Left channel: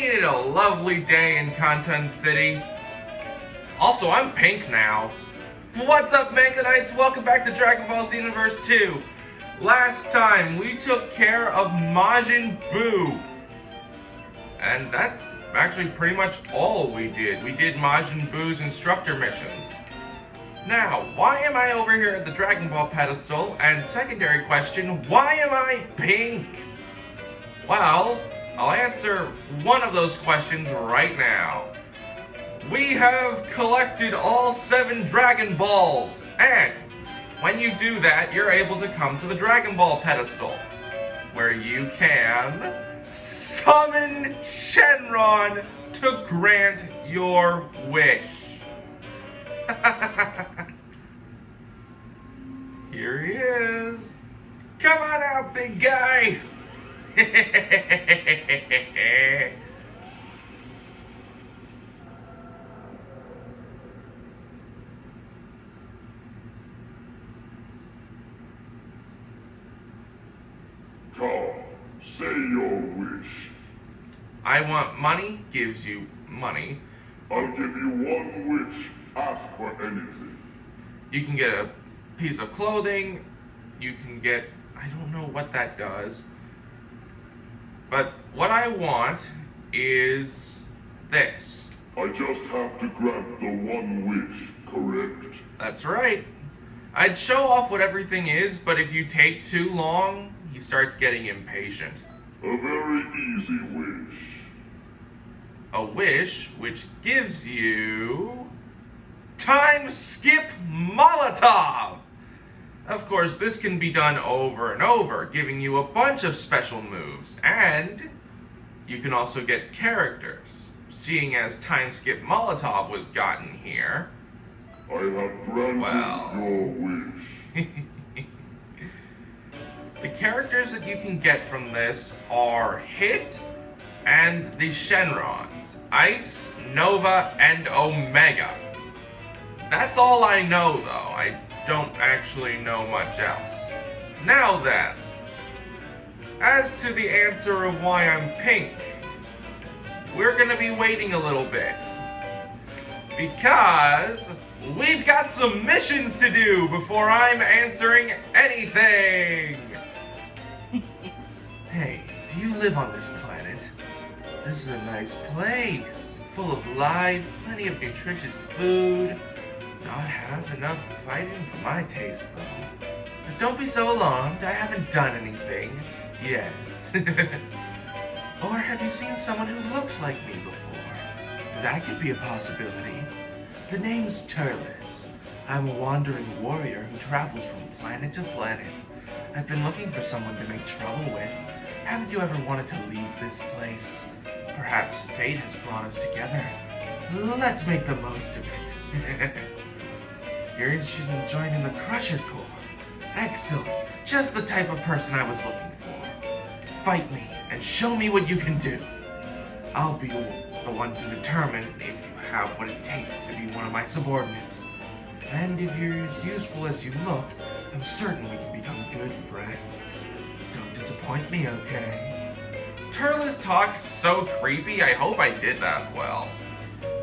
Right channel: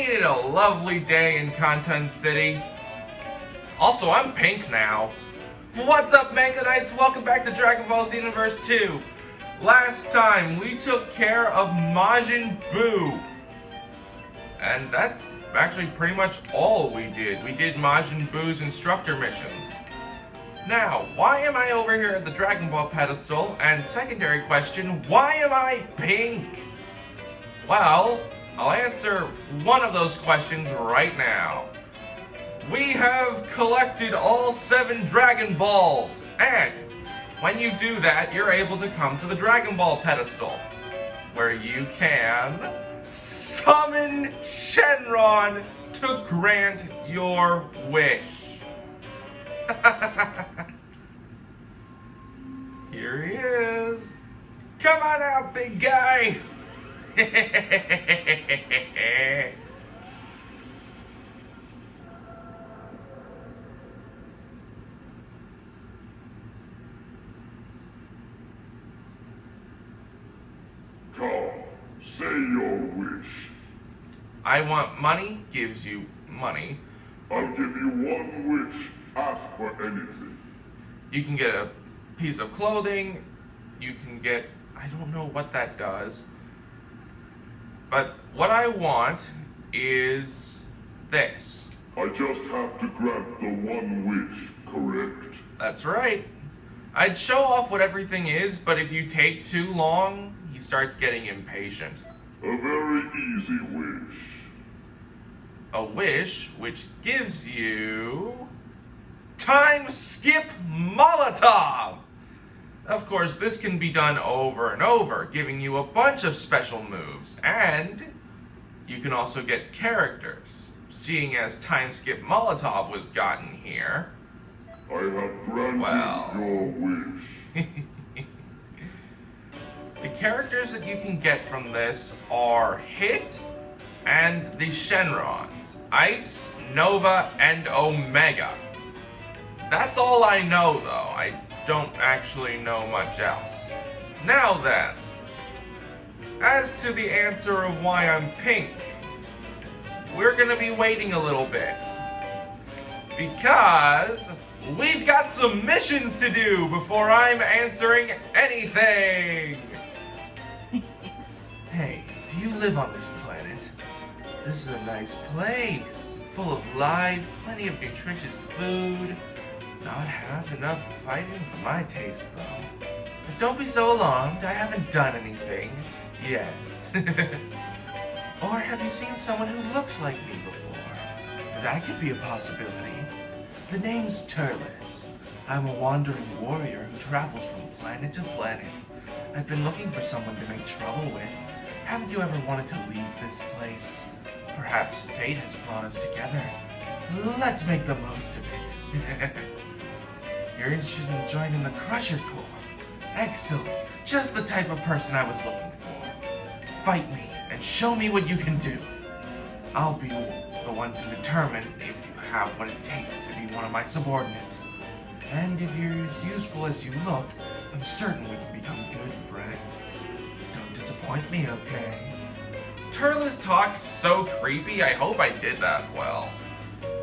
Ain't it a lovely day in Conton City? Also, I'm pink now. What's up, Mankanites? Welcome back to Dragon Ball Xenoverse 2. Last time, we took care of Majin Buu. And that's actually pretty much all we did. We did Majin Buu's instructor missions. Now, why am I over here at the Dragon Ball pedestal? And secondary question, why am I pink? Well, I'll answer one of those questions right now. We have collected all 7 Dragon Balls, and when you do that, you're able to come to the Dragon Ball pedestal, where you can summon Shenron to grant your wish. Here he is. Come on out, big guy. Come, say your wish. I want money, gives you money. I'll give you one wish. Ask for anything. You can get a piece of clothing. You can get, I don't know what that does. But what I want is this. I just have to grant the one wish, correct? That's right. I'd show off what everything is, but if you take too long, he starts getting impatient. A very easy wish. A wish which gives you Time Skip Molotov! Of course, this can be done over and over, giving you a bunch of special moves, and you can also get characters. Seeing as Time Skip Molotov was gotten here, I have granted your wish. The characters that you can get from this are Hit and the Shenrons, Ice, Nova, and Omega. That's all I know, though. I don't actually know much else. Now then, as to the answer of why I'm pink, we're gonna be waiting a little bit. Because we've got some missions to do before I'm answering anything! Hey, do you live on this planet? This is a nice place, full of life, plenty of nutritious food. Not have enough fighting for my taste, though. But don't be so alarmed, I haven't done anything yet. Or have you seen someone who looks like me before? That could be a possibility. The name's Turles. I'm a wandering warrior who travels from planet to planet. I've been looking for someone to make trouble with. Haven't you ever wanted to leave this place? Perhaps fate has brought us together. Let's make the most of it. You're interested in joining the Crusher Corps. Excellent. Just the type of person I was looking for. Fight me and show me what you can do. I'll be the one to determine if you have what it takes to be one of my subordinates. And if you're as useful as you look, I'm certain we can become good friends. Don't disappoint me, okay? Turles talks so creepy, I hope I did that well.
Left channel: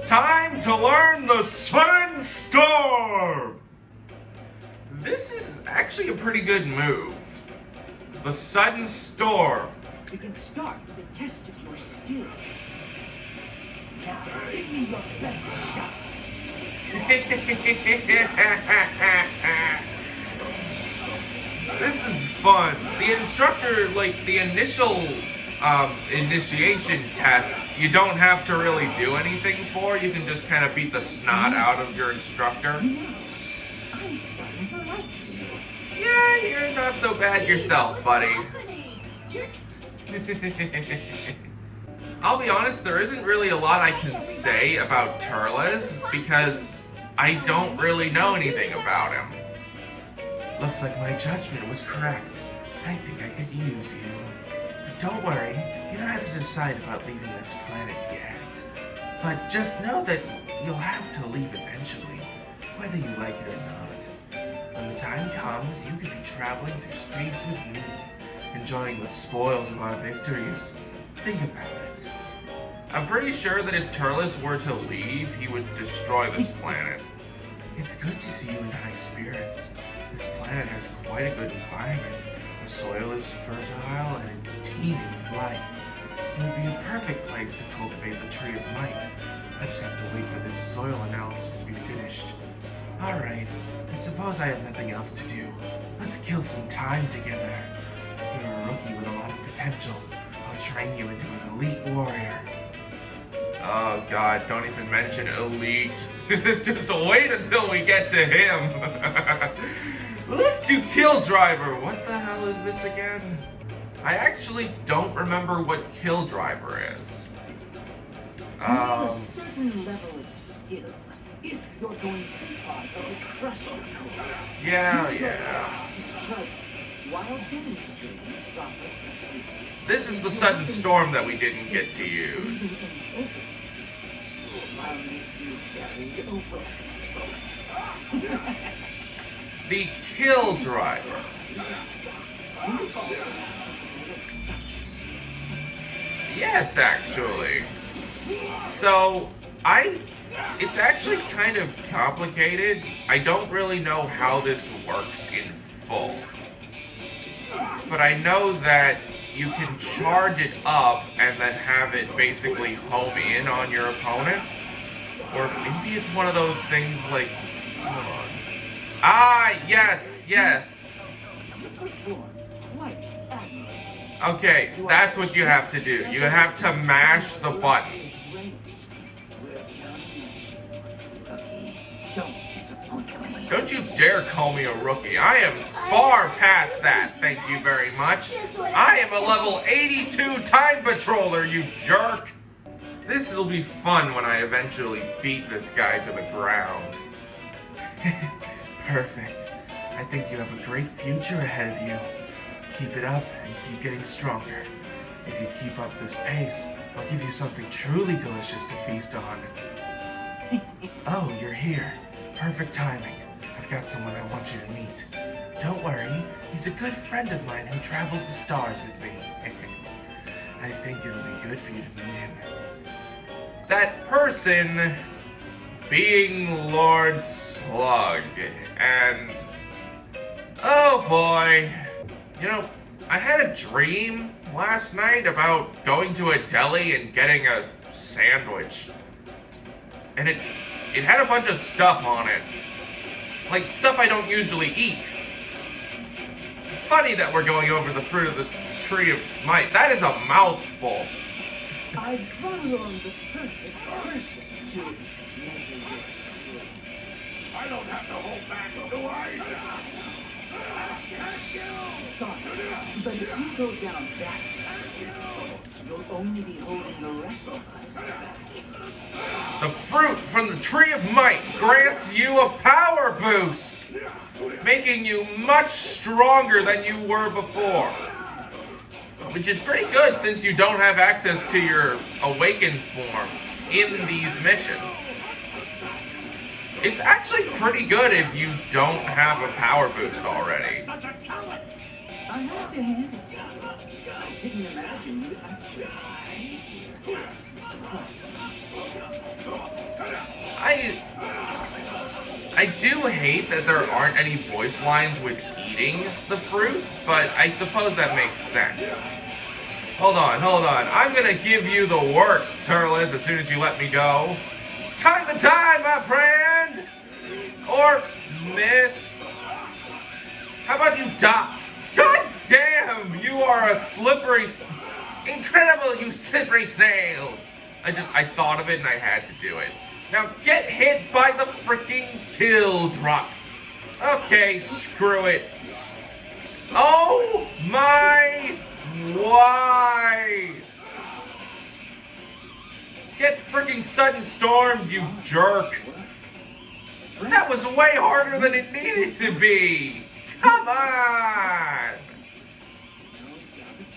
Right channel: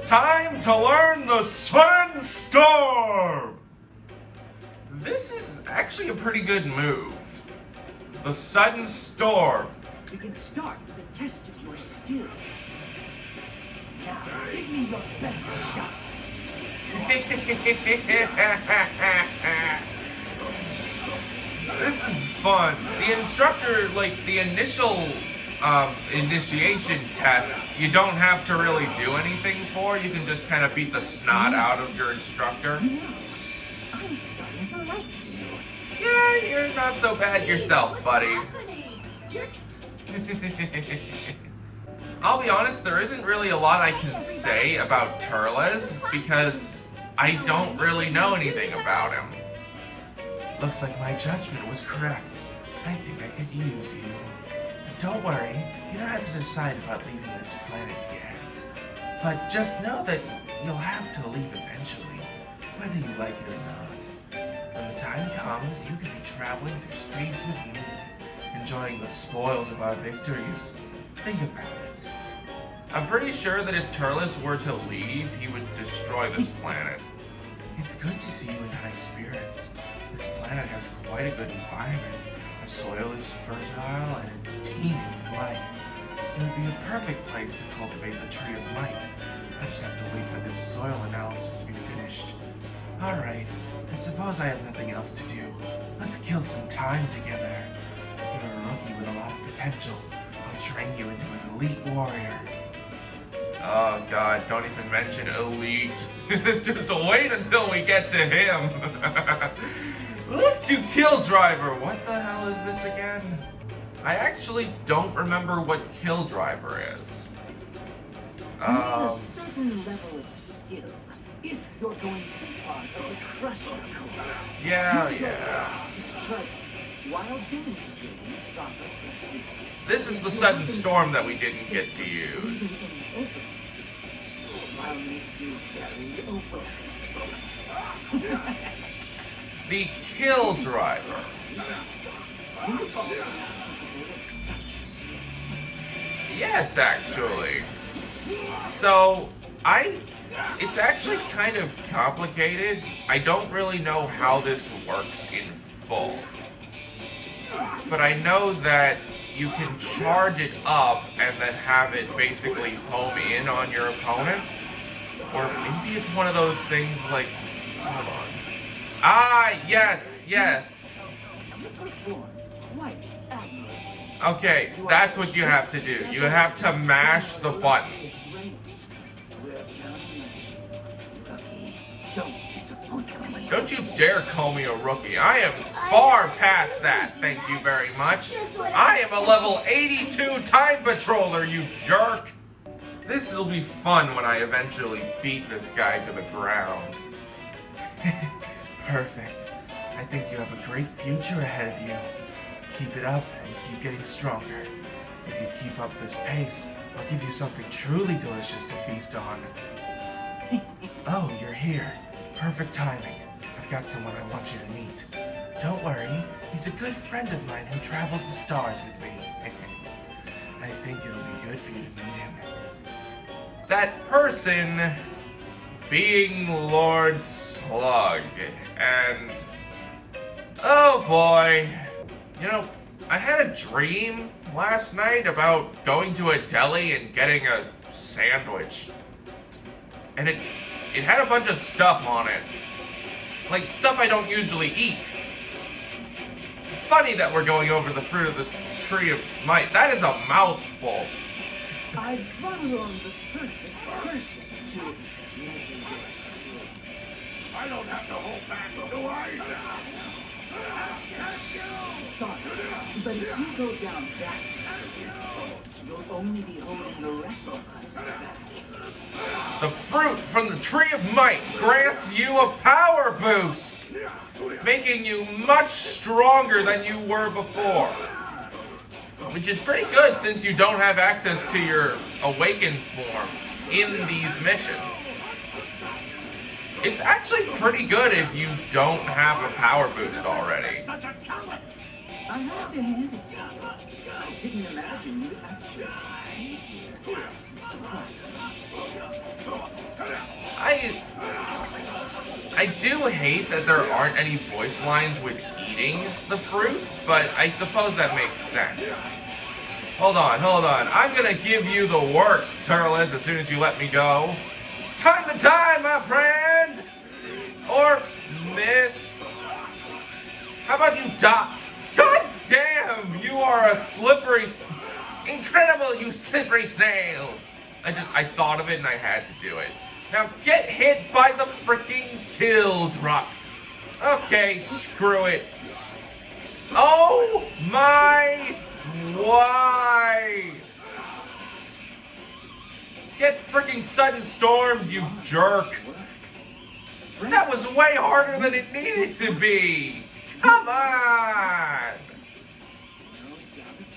Time to learn the Sudden Storm! This is actually a pretty good move. The Sudden Storm. You can start with a test of your skills. Now, give me your best shot. This is fun. The instructor, the initial initiation tests, you don't have to really do anything for. You can just kind of beat the snot out of your instructor. I'm starting to like you. Yeah, you're not so bad yourself, buddy. I'll be honest, there isn't really a lot I can say about Turles because I don't really know anything about him. Looks like my judgment was correct. I think I could use you. But don't worry, you don't have to decide about leaving this planet yet. But just know that you'll have to leave eventually, whether you like it or not. When the time comes, you could be traveling through space with me, enjoying the spoils of our victories. Think about it. I'm pretty sure that if Turles were to leave, he would destroy this planet. It's good to see you in high spirits. This planet has quite a good environment. The soil is fertile and it's teeming with life. It would be a perfect place to cultivate the Tree of Might. I just have to wait for this soil analysis to be finished. Alright, I suppose I have nothing else to do. Let's kill some time together. You're a rookie with a lot of potential. I'll train you into an elite warrior. Oh god, don't even mention elite. Just wait until we get to him. Let's do Kill Driver. What the hell is this again? I actually don't remember what Kill Driver is. You need a certain level of skill if you're going to be part of the Crusher Corps. Yeah. Do your best to strike while demonstrating proper technique. This is the sudden storm that we didn't get to use. I'll make you very open. The Kill Driver. Yes, actually. So, it's actually kind of complicated. I don't really know how this works in full. But I know that you can charge it up and then have it basically home in on your opponent. Or maybe it's one of those things like, hold on. Ah, yes. Okay, that's what you have to do. You have to mash the button. Don't you dare call me a rookie. I am far past that, thank you very much. I am a level 82 time patroller, you jerk. This will be fun when I eventually beat this guy to the ground. Perfect. I think you have a great future ahead of you. Keep it up and keep getting stronger. If you keep up this pace, I'll give you something truly delicious to feast on. Oh, you're here. Perfect timing. I've got someone I want you to meet. Don't worry, he's a good friend of mine who travels the stars with me. I think it'll be good for you to meet him. That person being Lord Slug. And oh boy. You know, I had a dream last night about going to a deli and getting a sandwich. And it had a bunch of stuff on it. Like, stuff I don't usually eat. Funny that we're going over the fruit of the Tree of Might. That is a mouthful. I've brought along the perfect person to measure your skills. I don't have to hold back, do I? Sorry, but if you go down that path, you'll only be holding the rest of us back. The fruit from the Tree of Might grants you a power boost, making you much stronger than you were before. Which is pretty good since you don't have access to your awakened forms in these missions. It's actually pretty good if you don't have a power boost already. I have to hand it to you. I didn't imagine you'd actually succeed here. You surprised me. I do hate that there aren't any voice lines with eating the fruit, but I suppose that makes sense. Hold on. I'm gonna give you the works, Turles, as soon as you let me go. Time to die, my friend! Or miss. How about you die? God damn, you are a incredible, you slippery snail. I thought of it and I had to do it. Now get hit by the freaking kill drop. Okay, screw it. Oh my, why? Get freaking sudden stormed, you jerk. That was way harder than it needed to be. Come on. No doubt about it.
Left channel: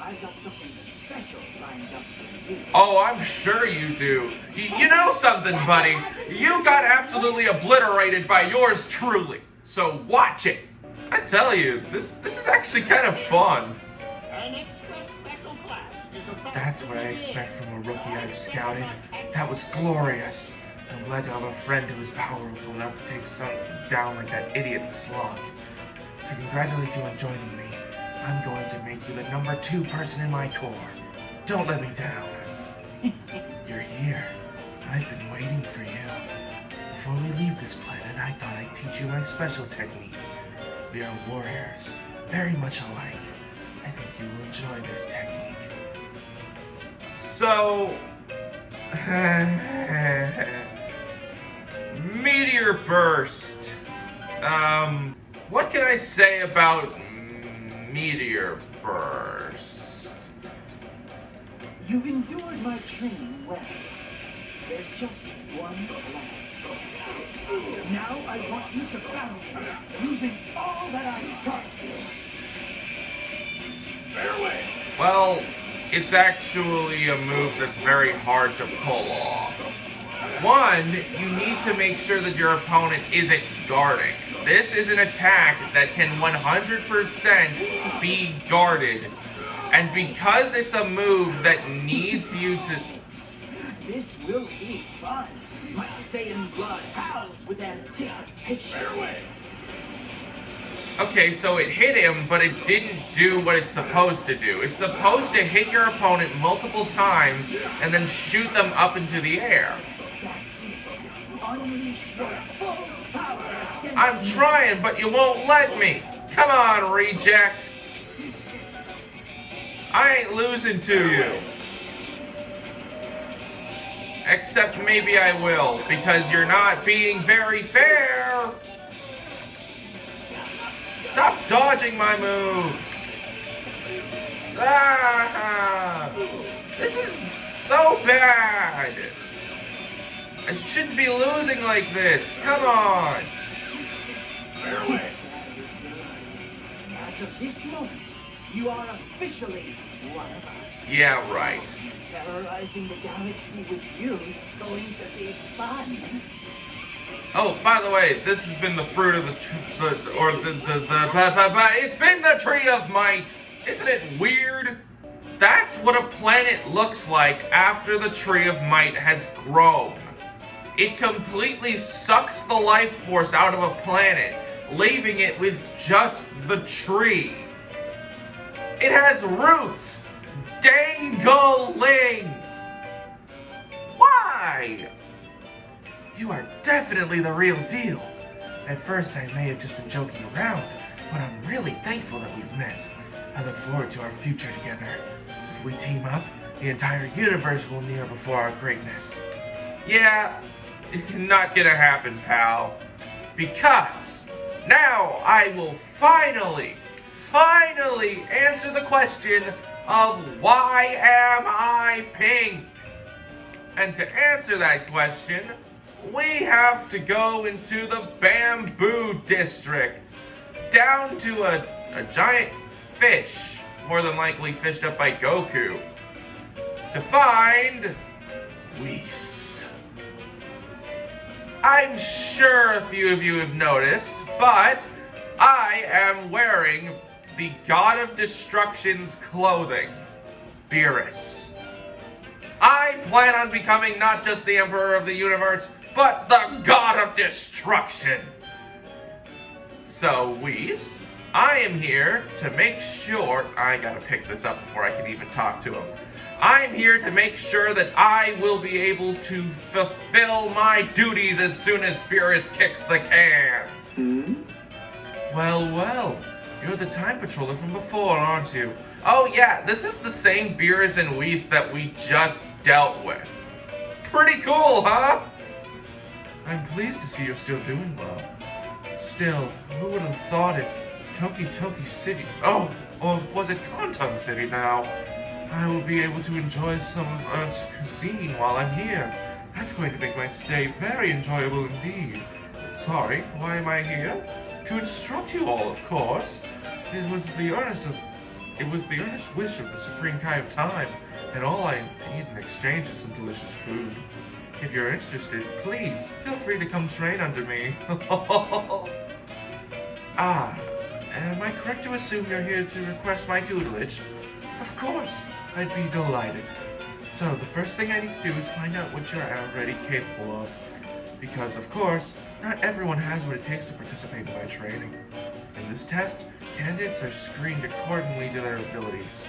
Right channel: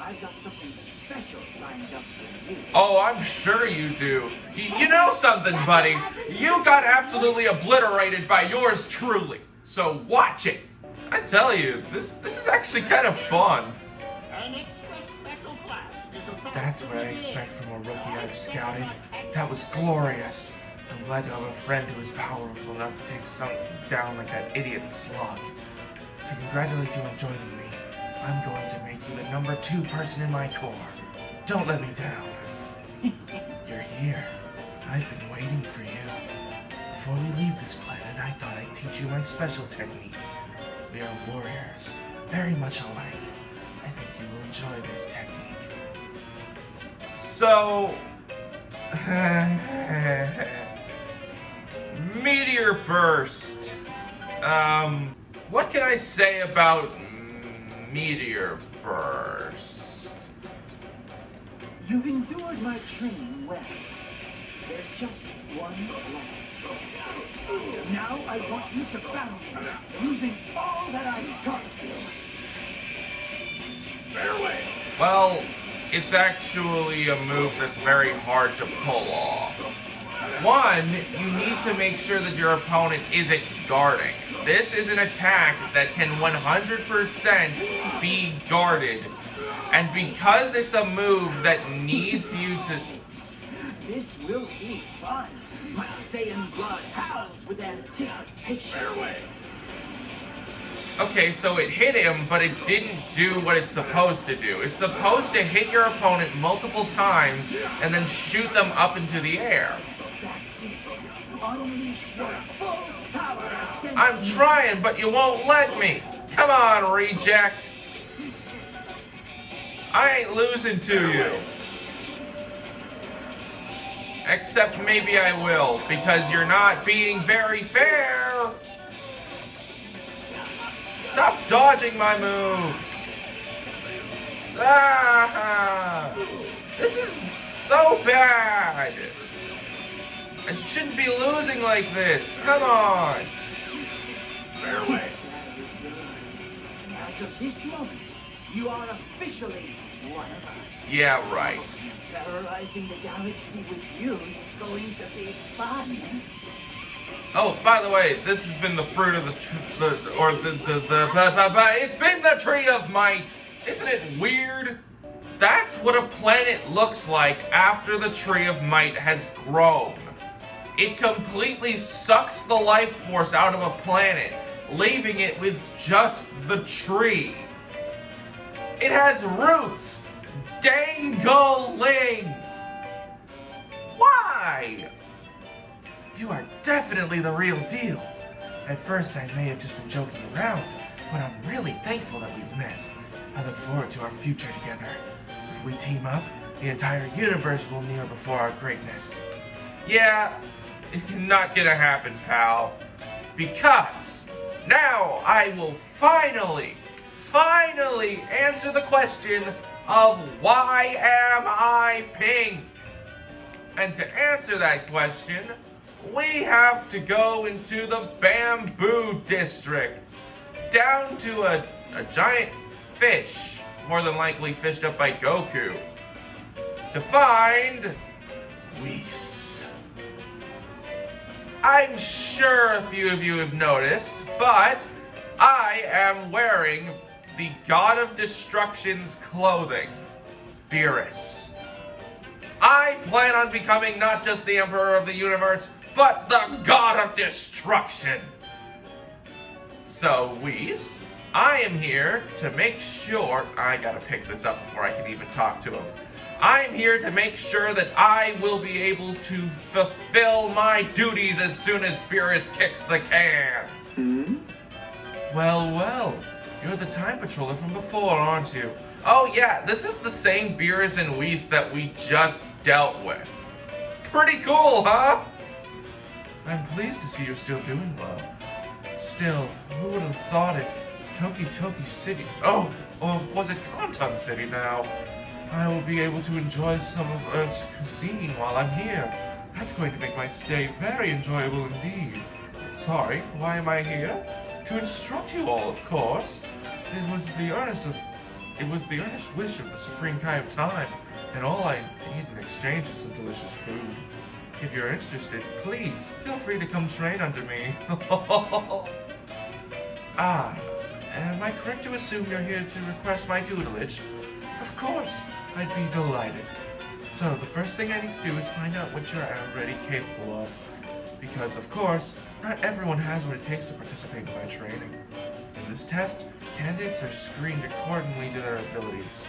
I've got something special lined up for you. Oh, I'm sure you do. You know something, buddy? You got absolutely obliterated by yours truly. So watch it. I tell you, this is actually kind of fun. An extra special class That's what I expect from a rookie I've scouted. That was glorious. I'm glad to have a friend who is powerful enough to take something down like that idiot slug. To congratulate you on joining me, I'm going to make you the number 2 person in my corps. Don't let me down. You're here. I've been waiting for you. Before we leave this planet, I thought I'd teach you my special technique. We are warriors, very much alike. I think you will enjoy this technique. So... Meteor burst. What can I say about meteor burst? You've endured my training well. There's just one last test. Now I want you to battle me using all that I've taught you. Fareway! Well, it's actually a move that's very hard to pull off. One, you need to make sure that your opponent isn't guarding. This is an attack that can 100% be guarded. And because it's a move that needs you to... This will be fun. My Saiyan blood howls with anticipation. Okay, so it hit him, but it didn't do what it's supposed to do. It's supposed to hit your opponent multiple times and then shoot them up into the air. That's it. Unleash your full power against I'm trying, but you won't let me. Come on, reject. I ain't losing to you. Except maybe I will, because you're not being very fair. Stop dodging my moves. Ah! This is so bad. I shouldn't be losing like this. Come on. Fareway. As of this moment, you are officially one of us. Yeah, right. Terrorizing the galaxy with you is going to be fun. Oh, by the way, this has been the fruit of it's been the tree of might. Isn't it weird? That's what a planet looks like after the tree of might has grown. It completely sucks the life force out of a planet, leaving it with just the tree. It has roots dangling. Why? You are definitely the real deal. At first I may have just been joking around, but I'm really thankful that we've met. I look forward to our future together. If we team up, the entire universe will kneel before our greatness. Yeah, not gonna happen, pal. Because now I will finally answer the question of why am I pink? And to answer that question, we have to go into the Bamboo District, down to a giant fish, more than likely fished up by Goku, to find Whis. I'm sure a few of you have noticed, but I am wearing the God of Destruction's clothing, Beerus. I plan on becoming not just the Emperor of the Universe, but the God of Destruction. So, Whis, I am here to make sure... I gotta pick this up before I can even talk to him. I'm here to make sure that I will be able to fulfill my duties as soon as Beerus kicks the can. Well, you're the time patroller from before, aren't you? Oh yeah, this is the same Beerus and Whis that we just dealt with. Pretty cool, huh? I'm pleased to see you're still doing well. Still, who would have thought it? Toki City. Oh, or was it Conton City now? I will be able to enjoy some of Earth's cuisine while I'm here. That's going to make my stay very enjoyable indeed. Sorry, why am I here? To instruct you all, of course. It was the earnest wish of the Supreme Kai of Time, and all I need in exchange is some delicious food. If you're interested, please feel free to come train under me. Am I correct to assume you're here to request my tutelage? Of course. I'd be delighted. So, the first thing I need to do is find out what you're already capable of. Because, of course, not everyone has what it takes to participate in my training. In this test, candidates are screened accordingly to their abilities.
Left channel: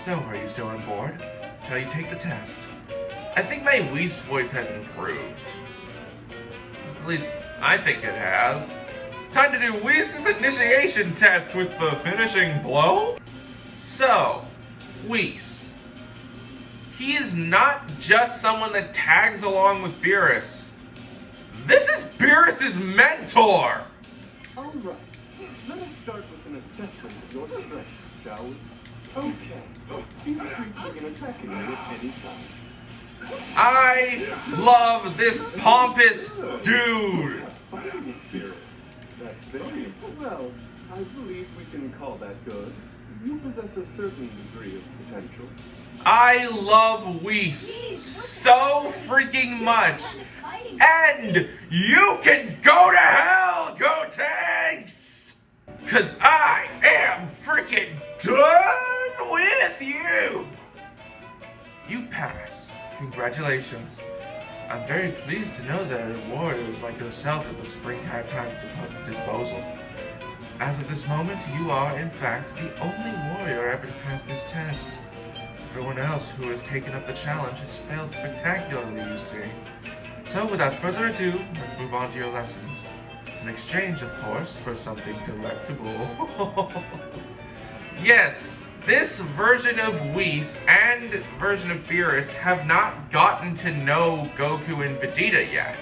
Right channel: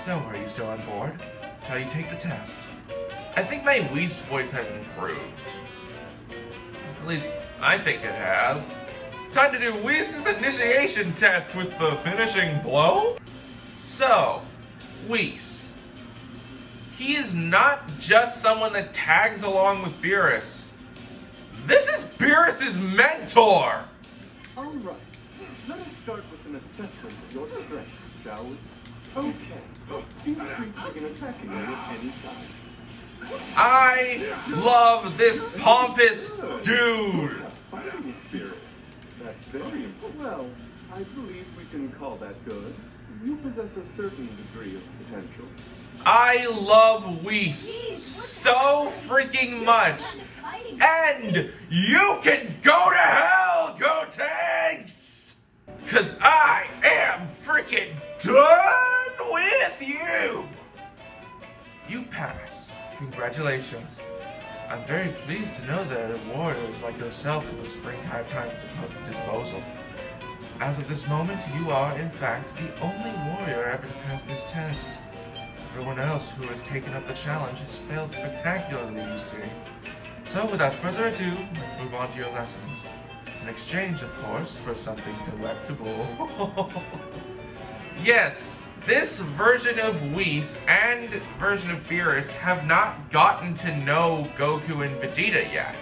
So, are you still on board? Shall you take the test? I think my Whis voice has improved. At least, I think it has. Time to do Whis' initiation test with the finishing blow? So, Whis. He is not just someone that tags along with Beerus. This is Beerus' mentor! Alright, let us start with an assessment of your strength, shall we? Okay, feel free to begin attacking me at any time. I love this pompous dude! Fighting spirit. That's very important. Well, I believe we can call that good. You possess a certain degree of potential. I love Whis so freaking much. And you can go to hell, Go Tanks! Cause I am freaking done with you! You pass. Congratulations. I'm very pleased to know there are warriors like yourself at the Springtime disposal. As of this moment, you are, in fact, the only warrior ever to pass this test. Everyone else who has taken up the challenge has failed spectacularly, you see. So, without further ado, let's move on to your lessons. In exchange, of course, for something delectable. Yes, this version of Whis and version of Beerus have not gotten to know Goku and Vegeta yet.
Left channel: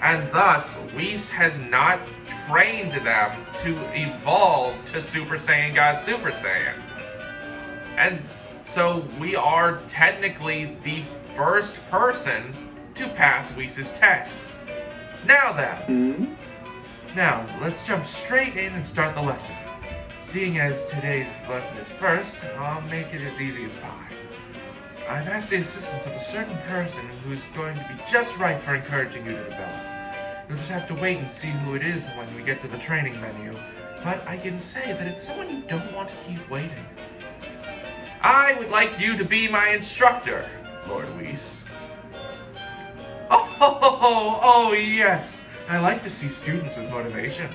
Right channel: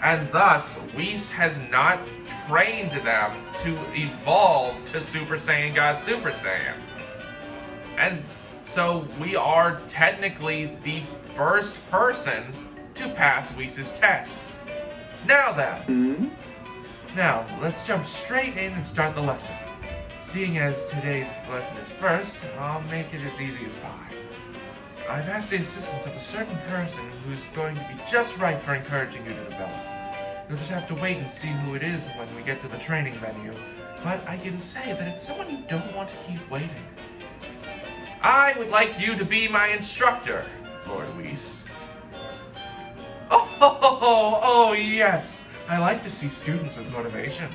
And thus, Whis has not trained them to evolve to Super Saiyan God Super Saiyan. And so we are technically the first person to pass Whis' test. Now then. Now, let's jump straight in and start the lesson. Seeing as today's lesson is first, I'll make it as easy as pie. I've asked the assistance of a certain person who's going to be just right for encouraging you to develop. You'll just have to wait and see who it is when we get to the training venue, but I can say that it's someone you don't want to keep waiting. I would like you to be my instructor, Lord Whis. Oh, yes. I like to see students with motivation.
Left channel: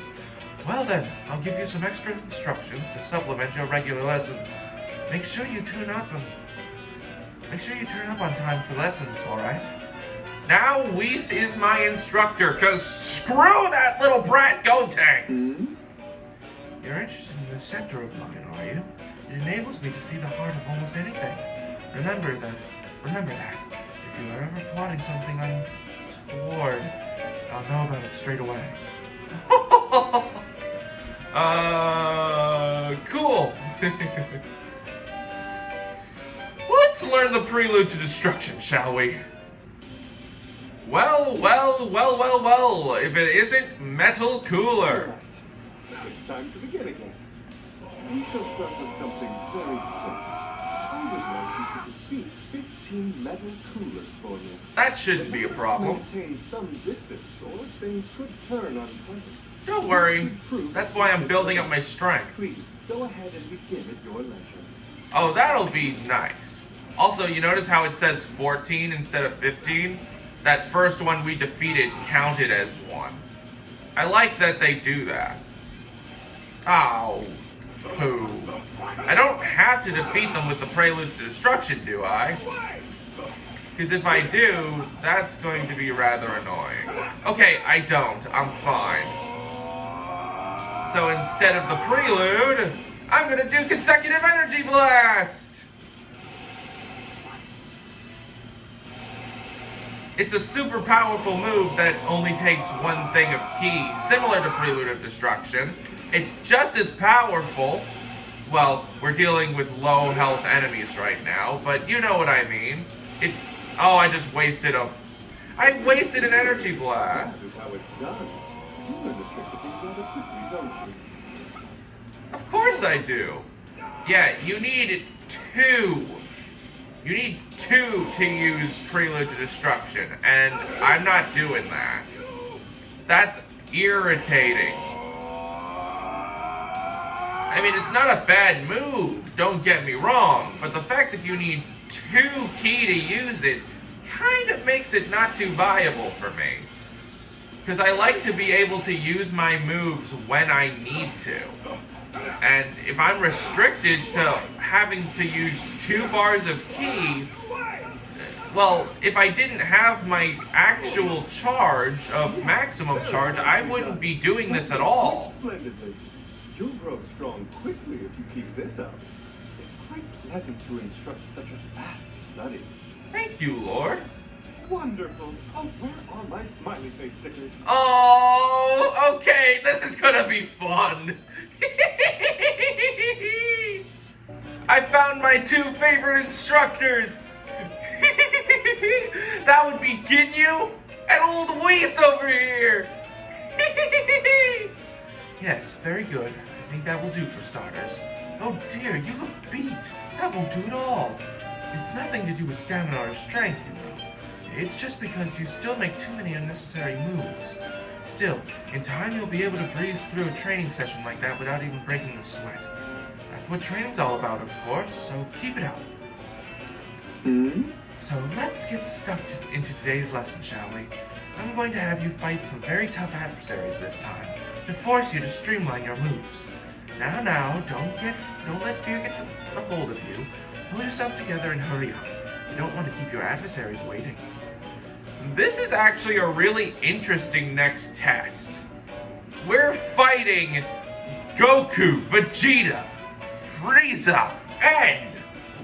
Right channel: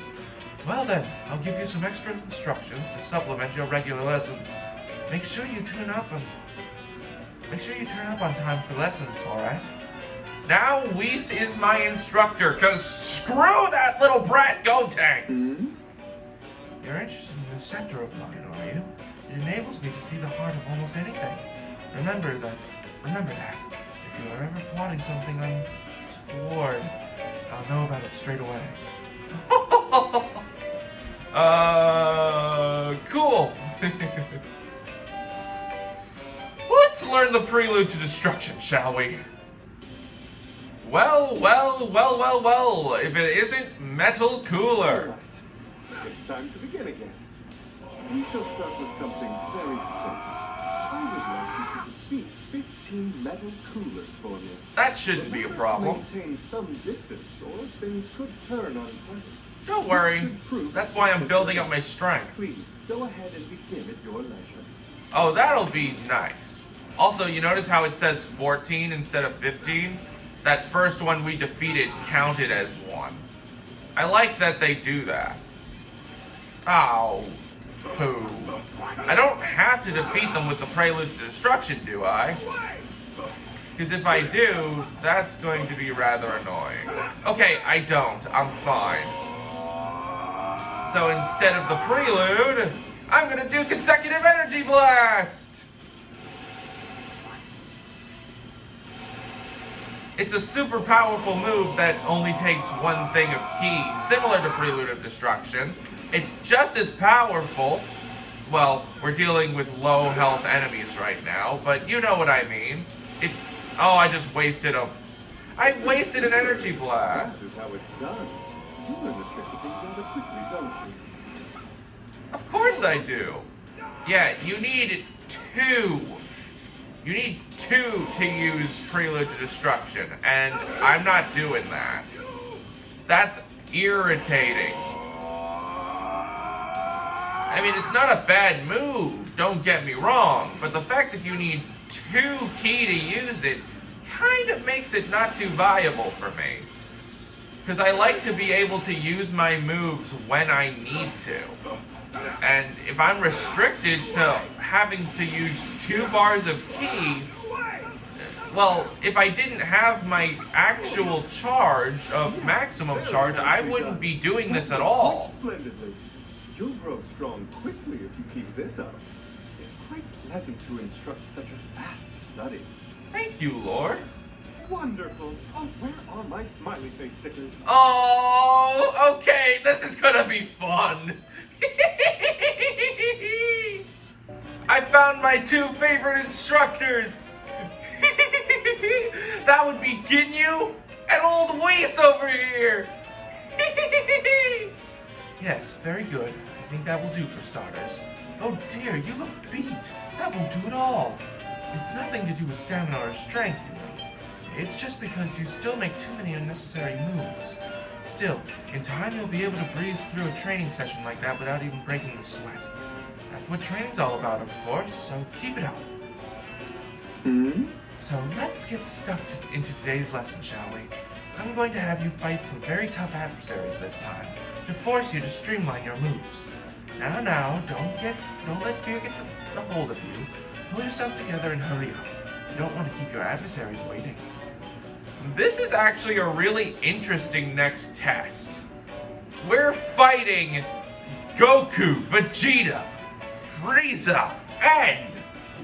Well then, I'll give you some extra instructions to supplement your regular lessons. Make sure you turn up on time for lessons, alright? Now Whis is my instructor, cause screw that little brat Go Tanks! You're interested in the scepter of mine, are you? It enables me to see the heart of almost anything. Remember that. If you are ever plotting something untoward, I'll know about it straight away. Cool. Let's learn the prelude to destruction, shall we? Well, if it isn't Metal Cooler. Alright, it's time to begin again. We shall start with something very simple. I would like you to defeat 15 metal coolers for me. That shouldn't be a problem. Maintain some distance, or things could turn unpleasant. Don't worry. That's why I'm building up my strength. Please, go ahead and begin at your leisure. Oh, that'll be nice. Also, you notice how it says 14 instead of 15? That first one we defeated counted as one. I like that they do that. Oh, poo. I don't have to defeat them with the Prelude to Destruction, do I? Because if I do, that's going to be rather annoying. Okay, I don't. I'm fine. So instead of the Prelude, I'm gonna do Consecutive Energy Blast! It's a super powerful move that only takes one thing of ki, similar to Prelude of Destruction. It's just as powerful. Well, we're dealing with low health enemies right now, but you know what I mean. It's... Oh, I just wasted a... I wasted an energy blast. This is how it's done. You learn the trick of things rather quickly, don't you? Of course I do. Yeah, you need two. You need two to use Prelude to Destruction, and I'm not doing that. That's irritating. I mean, it's not a bad move. don't get me wrong, but the fact that you need 2 ki to use it kind of makes it not too viable for me. Because I like to be able to use my moves when I need to. And if I'm restricted to having to use 2 bars of ki, well, if I didn't have my actual charge of maximum charge, I wouldn't be doing this at all. Splendidly. You'll grow strong quickly if you keep this up. It's quite pleasant to instruct such a fast study. Thank you, Lord. Wonderful. Oh, where are my smiley face stickers? Oh, okay, this is gonna be fun. I found my 2 favorite instructors. That would be Ginyu and old Whis over here. Yes, very good. I think that will do for starters. Oh dear, you look beat. That won't do at all. It's nothing to do with stamina or strength, you know. It's just because you still make too many unnecessary moves. Still, in time you'll be able to breeze through a training session like that without even breaking a sweat. That's what training's all about, of course, so keep it up. So let's get stuck into today's lesson, shall we? I'm going to have you fight some very tough adversaries this time, to force you to streamline your moves. Now, don't let fear get the hold of you. Pull yourself together and hurry up. You don't want to keep your adversaries waiting. This is actually a really interesting next test. We're fighting Goku, Vegeta, Frieza, and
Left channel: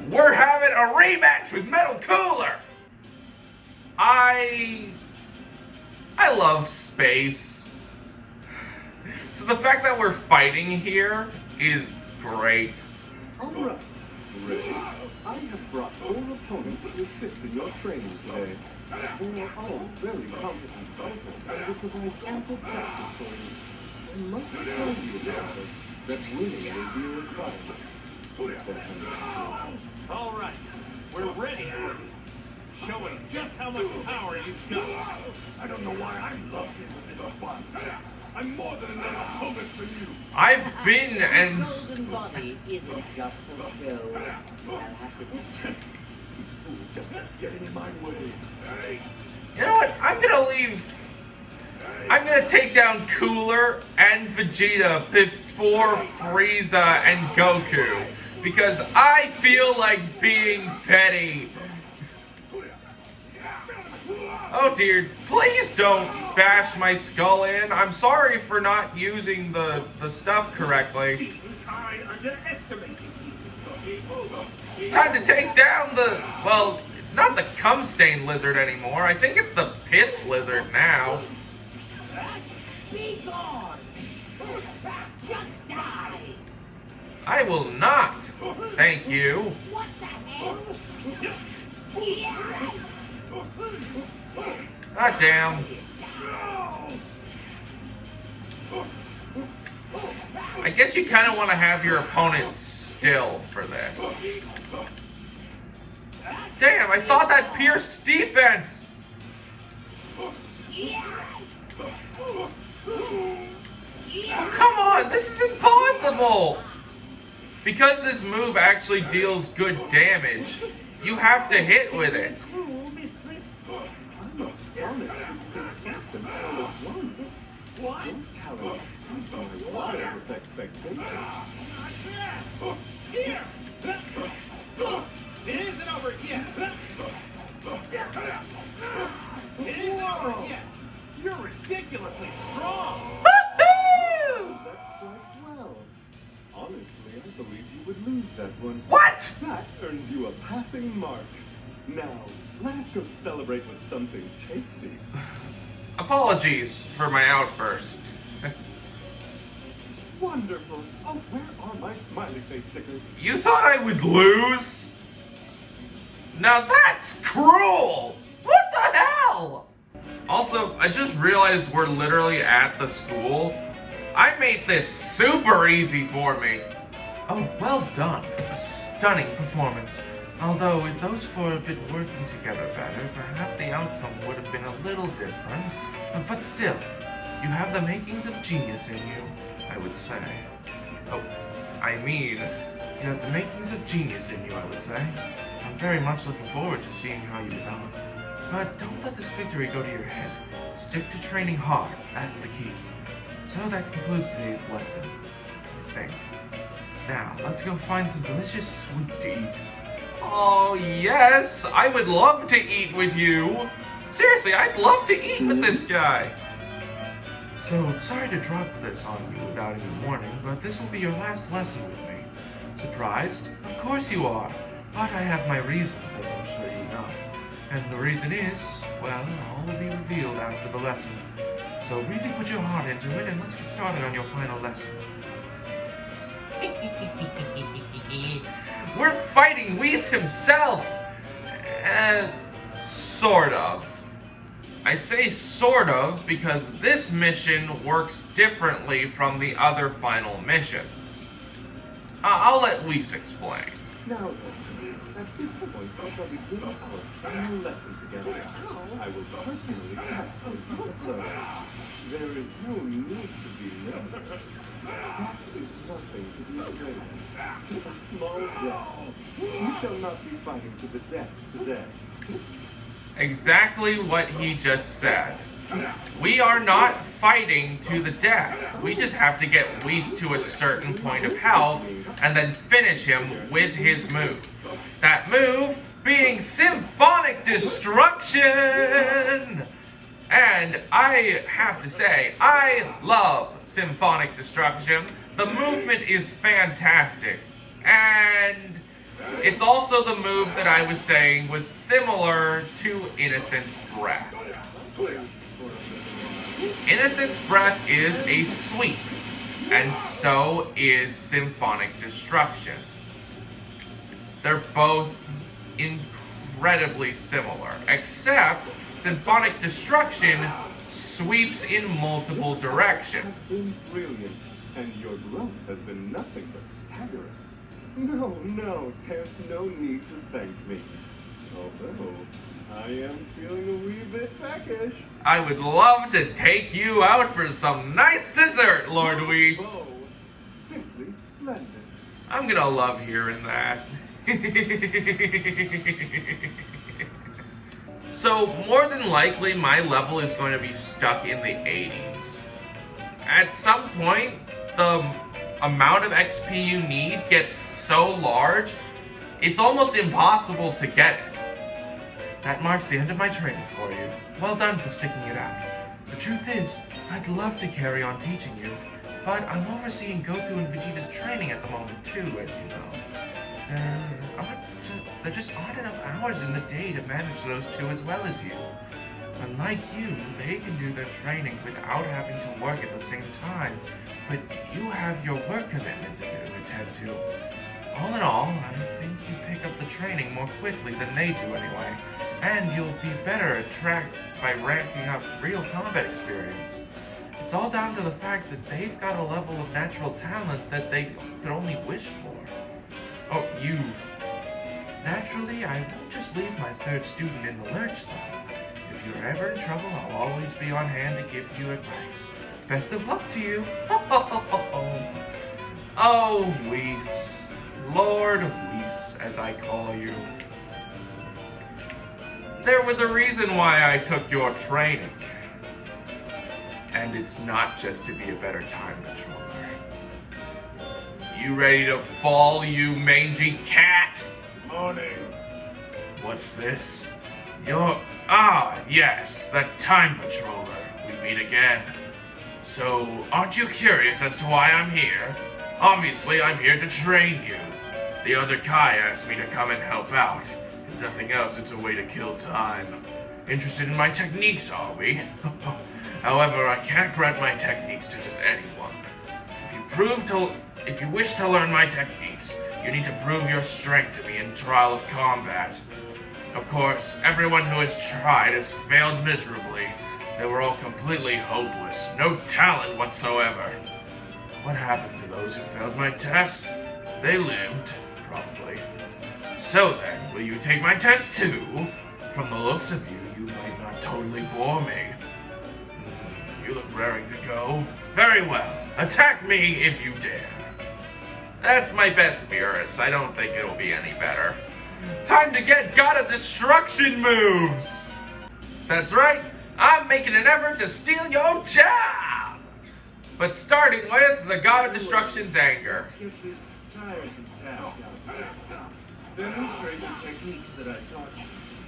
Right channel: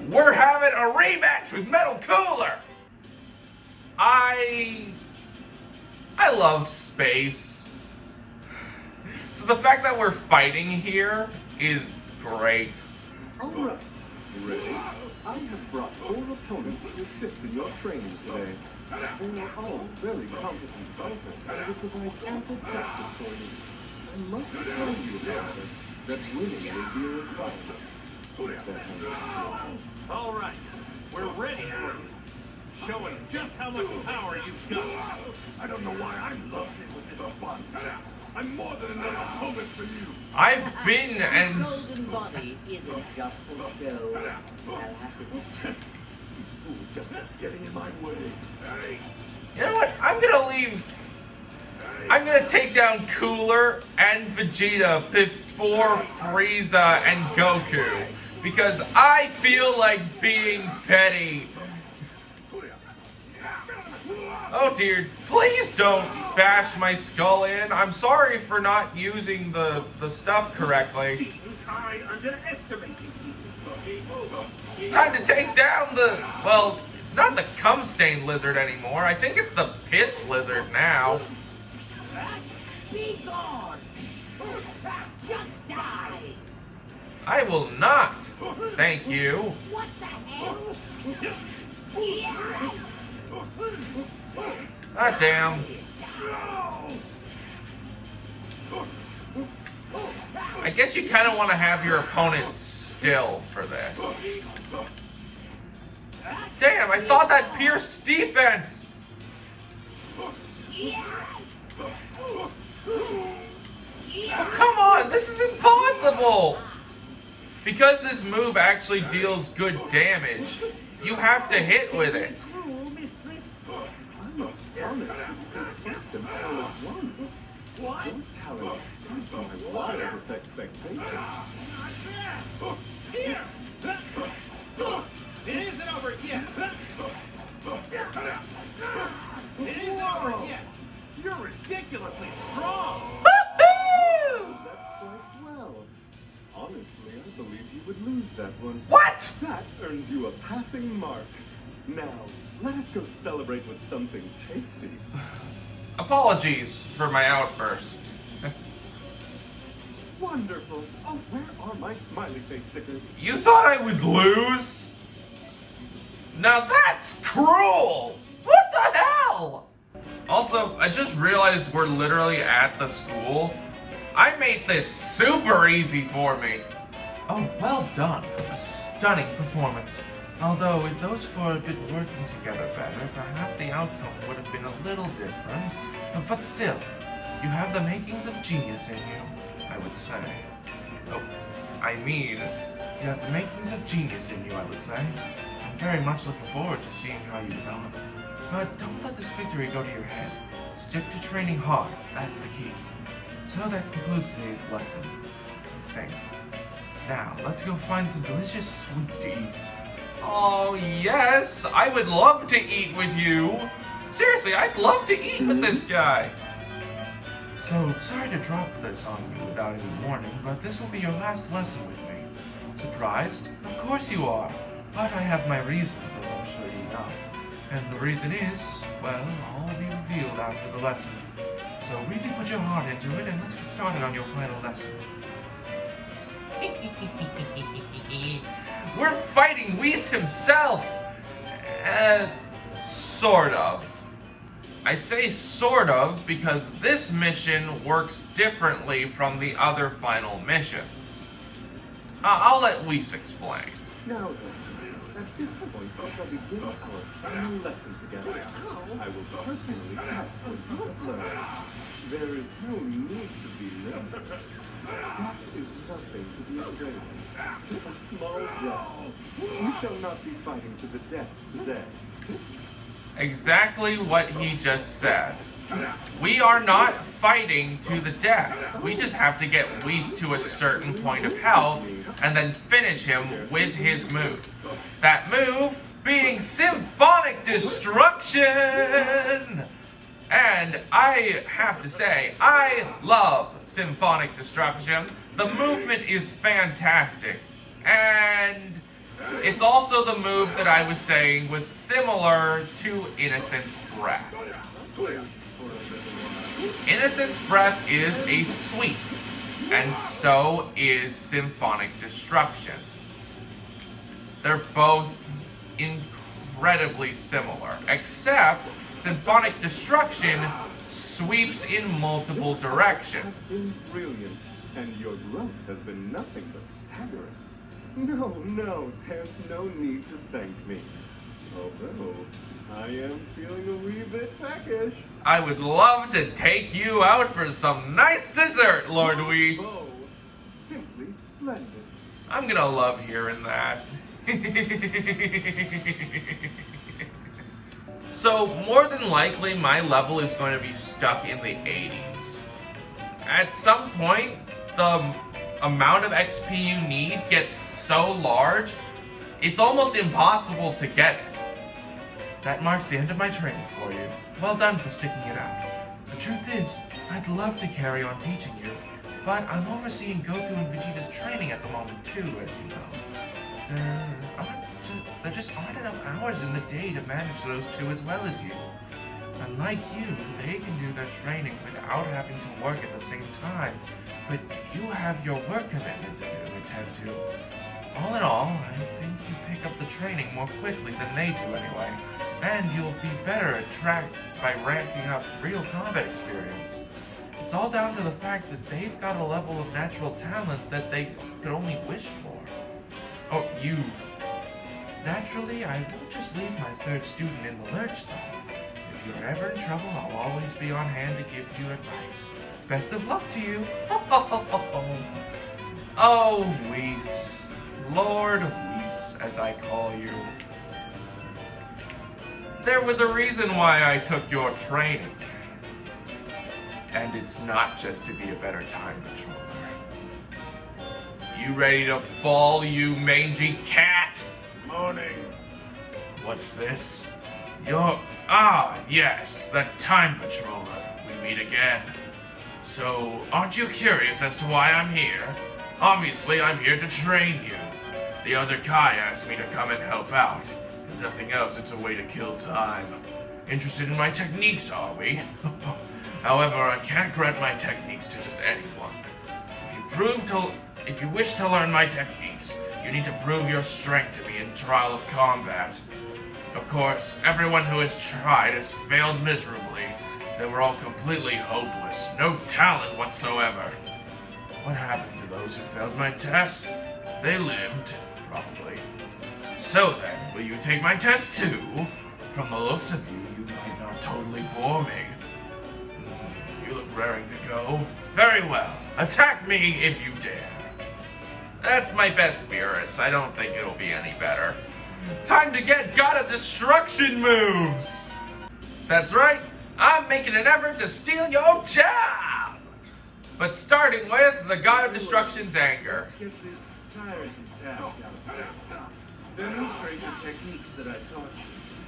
we're having a rematch with Metal Cooler! I love space. So the fact that we're fighting here is great. Alright, Ray, I have brought 4 opponents to assist in your training today. They are all very competent fighters and will provide ample practice for you. I must tell you, however, that winning will be a requirement. Is that understood? All right, we're ready for you. Show us just how much power you've got. I don't know why I'm lumped in with this bunch. I'm more than enough opponent for you. I've been The and... golden body isn't just for show. I'll have to... These fools just keep getting in my way. You know what? I'm gonna take down Cooler and Vegeta before Frieza and Goku. Because I feel like being petty. Oh dear, please don't bash my skull in. I'm sorry for not using the stuff correctly. Seems I underestimated you. Time to take down the... Well, it's not the cum-stained lizard anymore. I think it's the piss lizard now. Be gone! Just die! I will not. Thank you. What the hell? Ah, damn. I guess you kind of want to have your opponent still for this. Damn, I thought that pierced defense. Oh, come on, this is impossible. Because this move actually deals good damage, you have to hit with it. I'm astonished that you can fight them all at once. What? Your talent exceeds my wildest expectations. Here! It isn't over yet! It isn't over yet! You're ridiculously strong! That's quite well. Honestly, I believe you would lose that one. What? That earns you a passing mark. Now, let us go celebrate with something tasty. Apologies for my outburst. Wonderful. Oh, where are my smiley face stickers? You thought I would lose? Now that's cruel! What the hell? Also, I just realized we're literally at the school. I made this super easy for me. Oh, well done. A stunning performance. Although, if those 4 had been working together better, perhaps the outcome would have been a little different. But still, you have the makings of genius in you, I would say. Oh, I mean, You have the makings of genius in you, I would say. I'm very much looking forward to seeing how you develop. But don't let this victory go to your head. Stick to training hard, that's the key. So that concludes today's lesson, I think. Now, let's go find some delicious sweets to eat. Oh, yes! I would love to eat with you! Seriously, I'd love to eat with this guy! So, sorry to drop this on you without any warning, but this will be your last lesson with me. Surprised? Of course you are! But I have my reasons, as I'm sure you know. And the reason is, well, all will be revealed after the lesson. So really put your heart into it, and let's get started on your final lesson. We're fighting Whis himself! Sort of. I say sort of because this mission works differently from the other final missions. I'll let Whis explain. Now then, at this point we shall begin our final lesson together. I will personally test what you have learned. There is no need to be nervous. Death is nothing to be afraid of. A small jest. We shall not be fighting to the death today. Exactly what he just said. We are not fighting to the death. We just have to get Whis to a certain point of health and then finish him with his move. That move being Symphonic Destruction! And I have to say, I love Symphonic Destruction. The movement is fantastic. And it's also the move that I was saying was similar to Innocent's Breath. Innocent's Breath is a sweep, and so is Symphonic Destruction. They're both incredibly similar, except Symphonic Destruction sweeps in multiple directions. Been brilliant, and your growth has been nothing but staggering. No, there's no need to thank me. Although, I am feeling a wee bit peckish. I would love to take you out for some nice dessert, Lord Whis. Oh, simply splendid. I'm gonna love hearing that. So, more than likely, my level is going to be stuck in the 80s. At some point, the amount of XP you need gets so large, it's almost impossible to get it. That marks the end of my training for you. Well done for sticking it out. The truth is, I'd love to carry on teaching you, but I'm overseeing Goku and Vegeta's training at the moment too, as you know. There just aren't enough hours in the day to manage those two as well as you. Unlike you, they can do their training without having to work at the same time, but you have your work commitments to attend to. All in all, I think you pick up the training more quickly than they do anyway, and you'll be better at track by ranking up real combat experience. It's all down to the fact that they've got a level of natural talent that they could only wish for. Oh, you. Naturally, I won't just leave my third student in the lurch, though. If you're ever in trouble, I'll always be on hand to give you advice. Best of luck to you. Oh, Whis. Lord Whis, as I call you. There was a reason why I took your training. And it's not just to be a better time patroller. You ready to fall, you mangy cat? Morning. What's this? Yes, that time patroller. We meet again. So, aren't you curious as to why I'm here? Obviously, I'm here to train you. The other Kai asked me to come and help out. If nothing else, it's a way to kill time. Interested in my techniques, are we? However, I can't grant my techniques to just anyone. If you wish to learn my techniques, you need to prove your strength to me in trial of combat. Of course, everyone who has tried has failed miserably. They were all completely hopeless, no talent whatsoever. What happened to those who failed my test? They lived, probably. So then, will you take my test too? From the looks of you, you might not totally bore me. You look raring to go. Very well. Attack me if you dare. That's my best Beerus. I don't think it'll be any better. Time to get God of Destruction moves! That's right, I'm making an effort to steal your job! But starting with the God of Destruction's anger. Let's get this tiresome task out of the way. Demonstrate the techniques that I taught you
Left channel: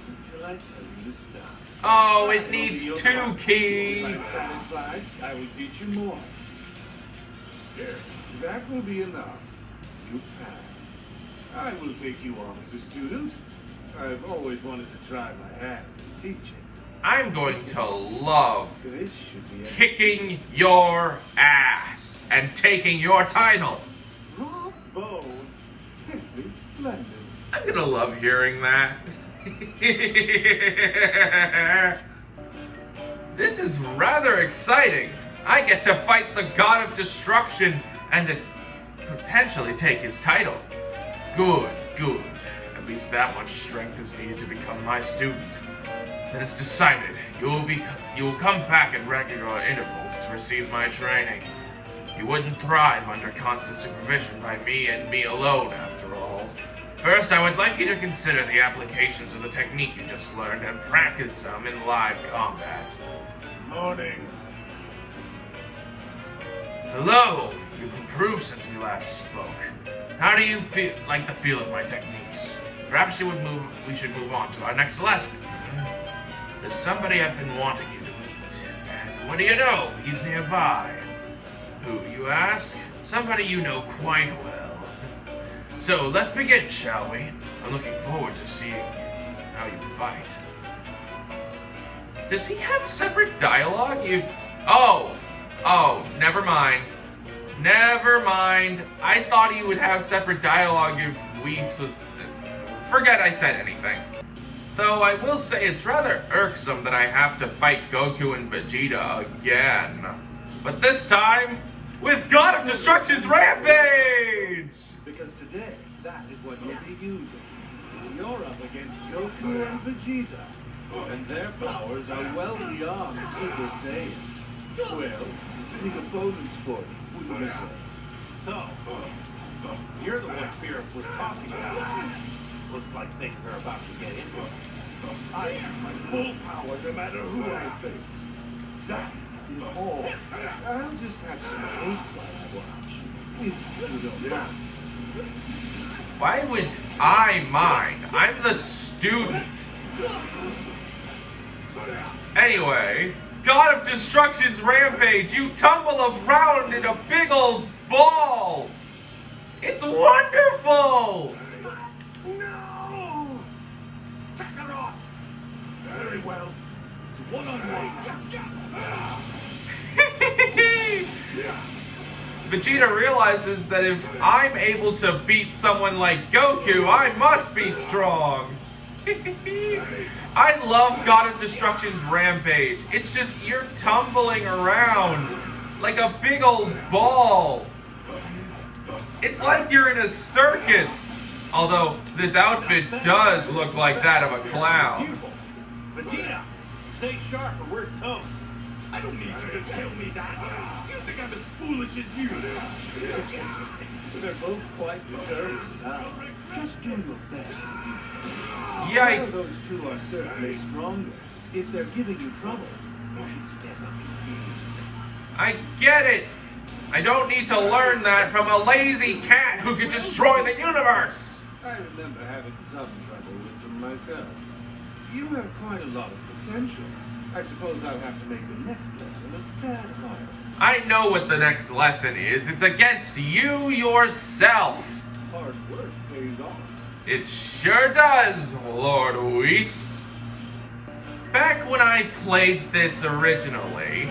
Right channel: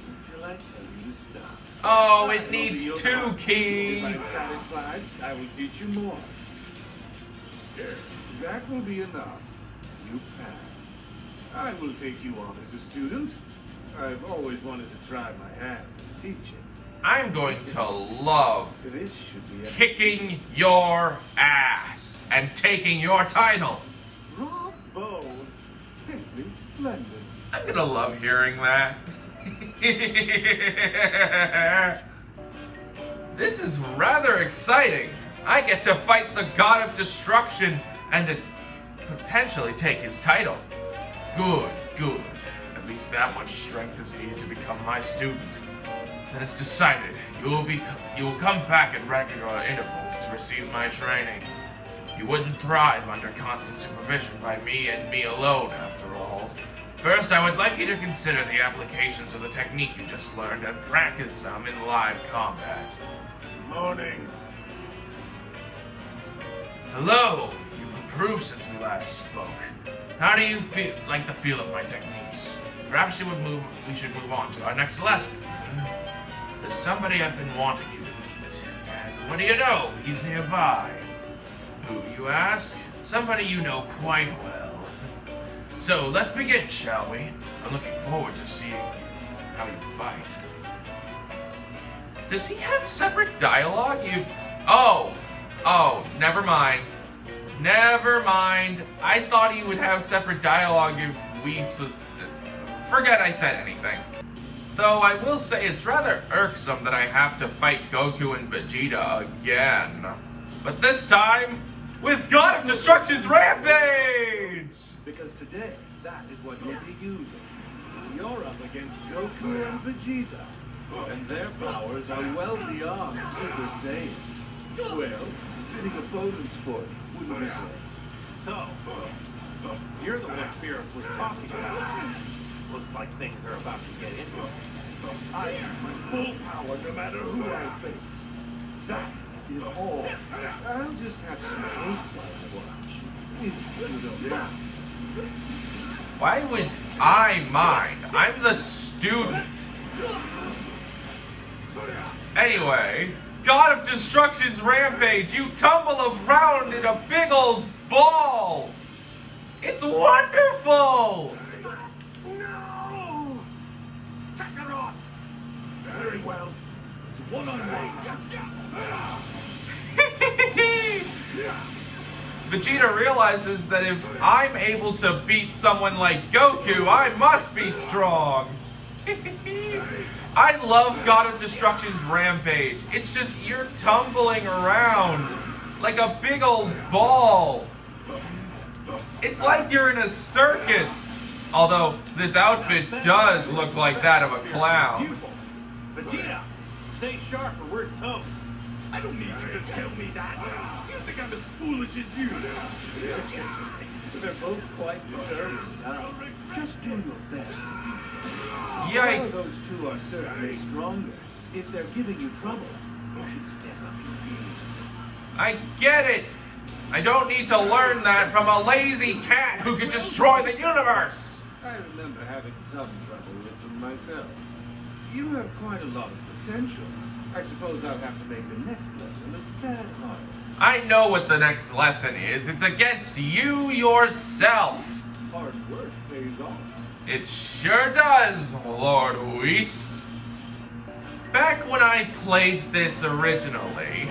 until I tell you to stop. Oh, it needs 2 keys. If I'm satisfied, I will teach you more. Yes, that will be enough. You pass. I will take you on as a student. I've always wanted to try my hand at teaching. I'm going to love This should be a kicking your ass and taking your title. Bravo! Simply splendid. I'm gonna love hearing that. This is rather exciting. I get to fight the God of Destruction and to potentially take his title. Good, good. At least that much strength is needed to become my student. Then it's decided. You will come back at regular intervals to receive my training. You wouldn't thrive under constant supervision by me and me alone, after all. First, I would like you to consider the applications of the technique you just learned and practice them in live combat. Morning. Hello, you've improved since we last spoke. How do you like the feel of my techniques? Perhaps we should move on to our next lesson. There's somebody I've been wanting you to meet. And what do you know? He's nearby. Who, you ask? Somebody you know quite well. So, let's begin, shall we? I'm looking forward to seeing how you fight. Does he have separate dialogue? Oh, never mind. Never mind. I thought he would have separate dialogue if Whis was... Forget I said anything. Though I will say it's rather irksome that I have to fight Goku and Vegeta again. But this time, with God of Destruction's Rampage! Because today, that is what you'll be using. You're up against Goku and Vegeta, and their powers are well beyond Super Saiyan. Well, fitting opponents for you, wouldn't you say? So, you're the one Beerus was talking about. Looks like things are about to get interesting. I use my full power no matter who I face. That is all. I'll just have some cake while I watch. If you don't mind. Why would I mind? I'm the student. Anyway, God of Destruction's Rampage, you tumble around in a big old ball. It's wonderful. No! Kakarot! Very well. It's one-on-one. Vegeta realizes that if I'm able to beat someone like Goku, I must be strong. I love God of Destruction's Rampage. It's just you're tumbling around like a big old ball. It's like you're in a circus. Although this outfit does look like that of a clown. Vegeta, stay sharp or we're toast. I don't need you to tell me that. You think I'm as foolish as you. They're both quite determined now. Just do your best. One Yikes. of those two are certainly stronger. If they're giving you trouble, you should step up your game. I get it. I don't need to learn that from a lazy cat who can destroy the universe. I remember having some trouble with them myself. You have quite a lot of potential. I suppose I'll have to make the next lesson a tad harder. I know what the next lesson is. It's against you yourself. Hard work pays off. It sure does, Lord Whis. Back when I played this originally,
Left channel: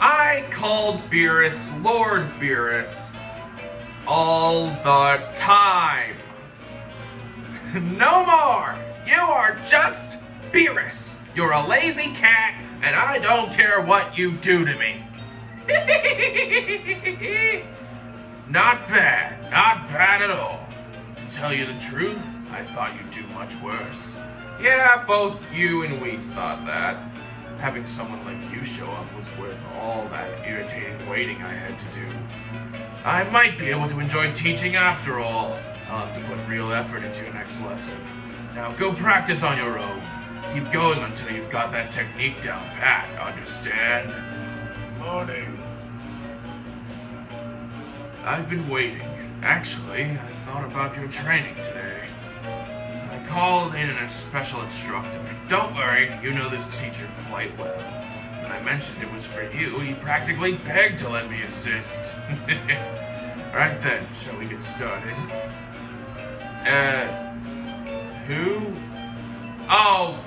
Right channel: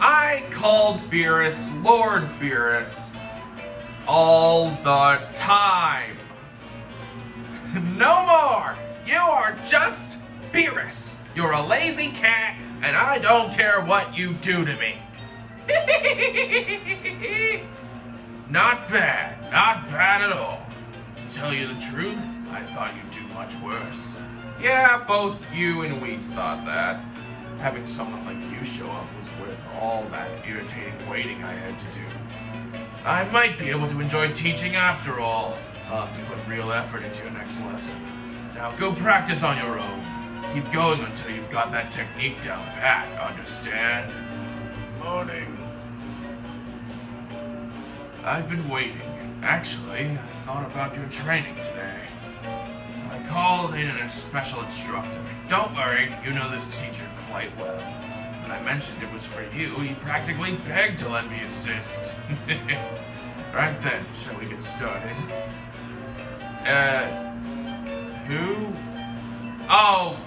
I called Beerus Lord Beerus all the time. No more! You are just Beerus. You're a lazy cat, and I don't care what you do to me. Not bad at all. To tell you the truth, I thought you'd do much worse. Yeah, both you and Whis thought that. Having someone like you show up was worth all that irritating waiting I had to do. I might be able to enjoy teaching after all. I'll have to put real effort into your next lesson. Now go practice on your own. Keep going until you've got that technique down pat, understand? Morning. I've been waiting. Actually, I thought about your training today. I called in a special instructor. Don't worry, you know this teacher quite well. When I mentioned it was for you, he practically begged to let me assist. Right then, shall we get started? Who? Oh,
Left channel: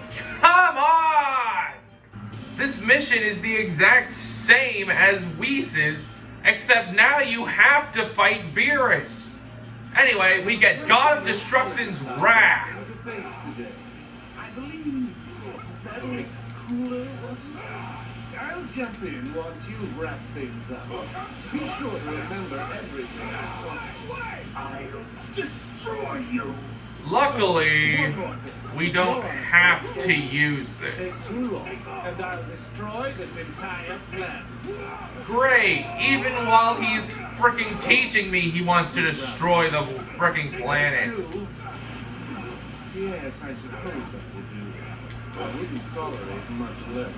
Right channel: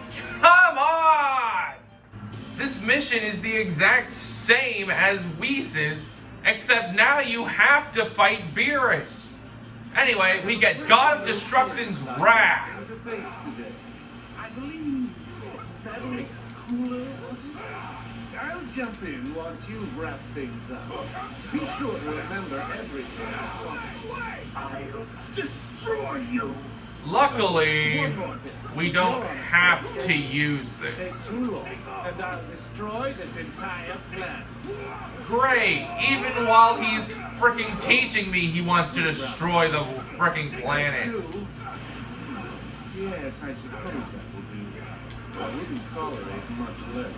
come on! This mission is the exact same as Whis's, except now you have to fight Beerus. Anyway, we get God of Destruction's wrath. I believe that was cooler, wasn't it? I'll jump in once you've wrapped things up. Be sure to remember everything I've taught you. I'll destroy you. Luckily, we don't have to use Take this. too long, and I'll destroy this entire plan. Great, even while he's freaking teaching me, he wants to destroy the freaking planet. Yes, I suppose that will do. I wouldn't tolerate much less.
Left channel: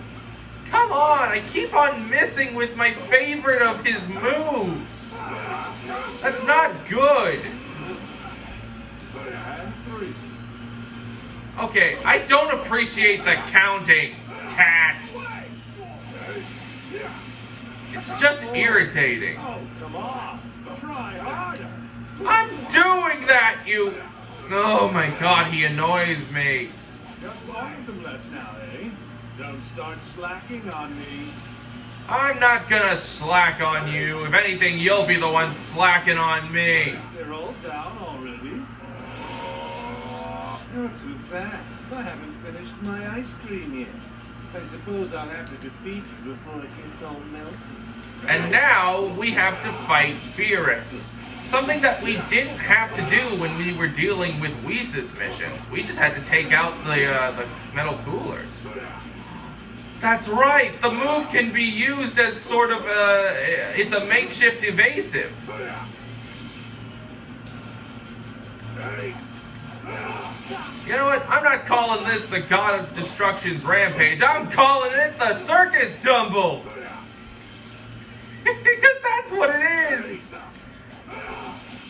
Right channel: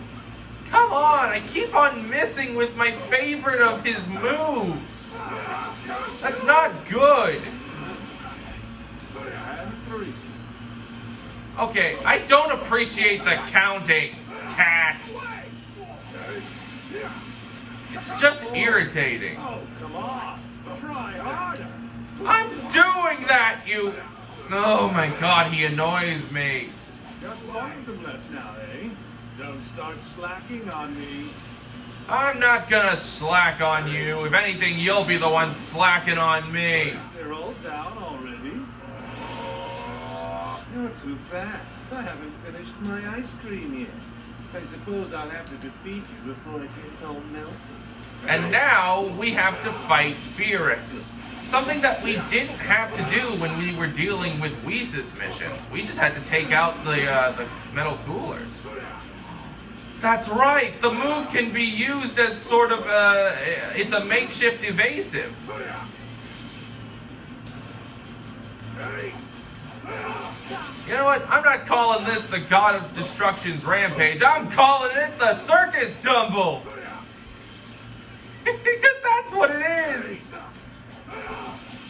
Come on, I keep on missing with my favorite of his moves. That's not good. And 3. Okay, I don't appreciate the counting, cat. It's just irritating. Oh, come on. Try harder. I'm doing that, you... Oh my god, he annoys me. Just one of them left now, eh? Don't start slacking on me. I'm not gonna slack on you. If anything, you'll be the one slacking on me. They're all down already. You're too fast. I haven't finished my ice cream yet. I suppose I'll have to defeat you before it gets all melted. And now we have to fight Beerus. Something that we didn't have to do when we were dealing with Whis's missions. We just had to take out the metal coolers. That's right. The move can be used as sort of it's a makeshift evasive. You know what? I'm not calling this the God of Destruction's rampage. I'm calling it the circus tumble. Because that's what it is.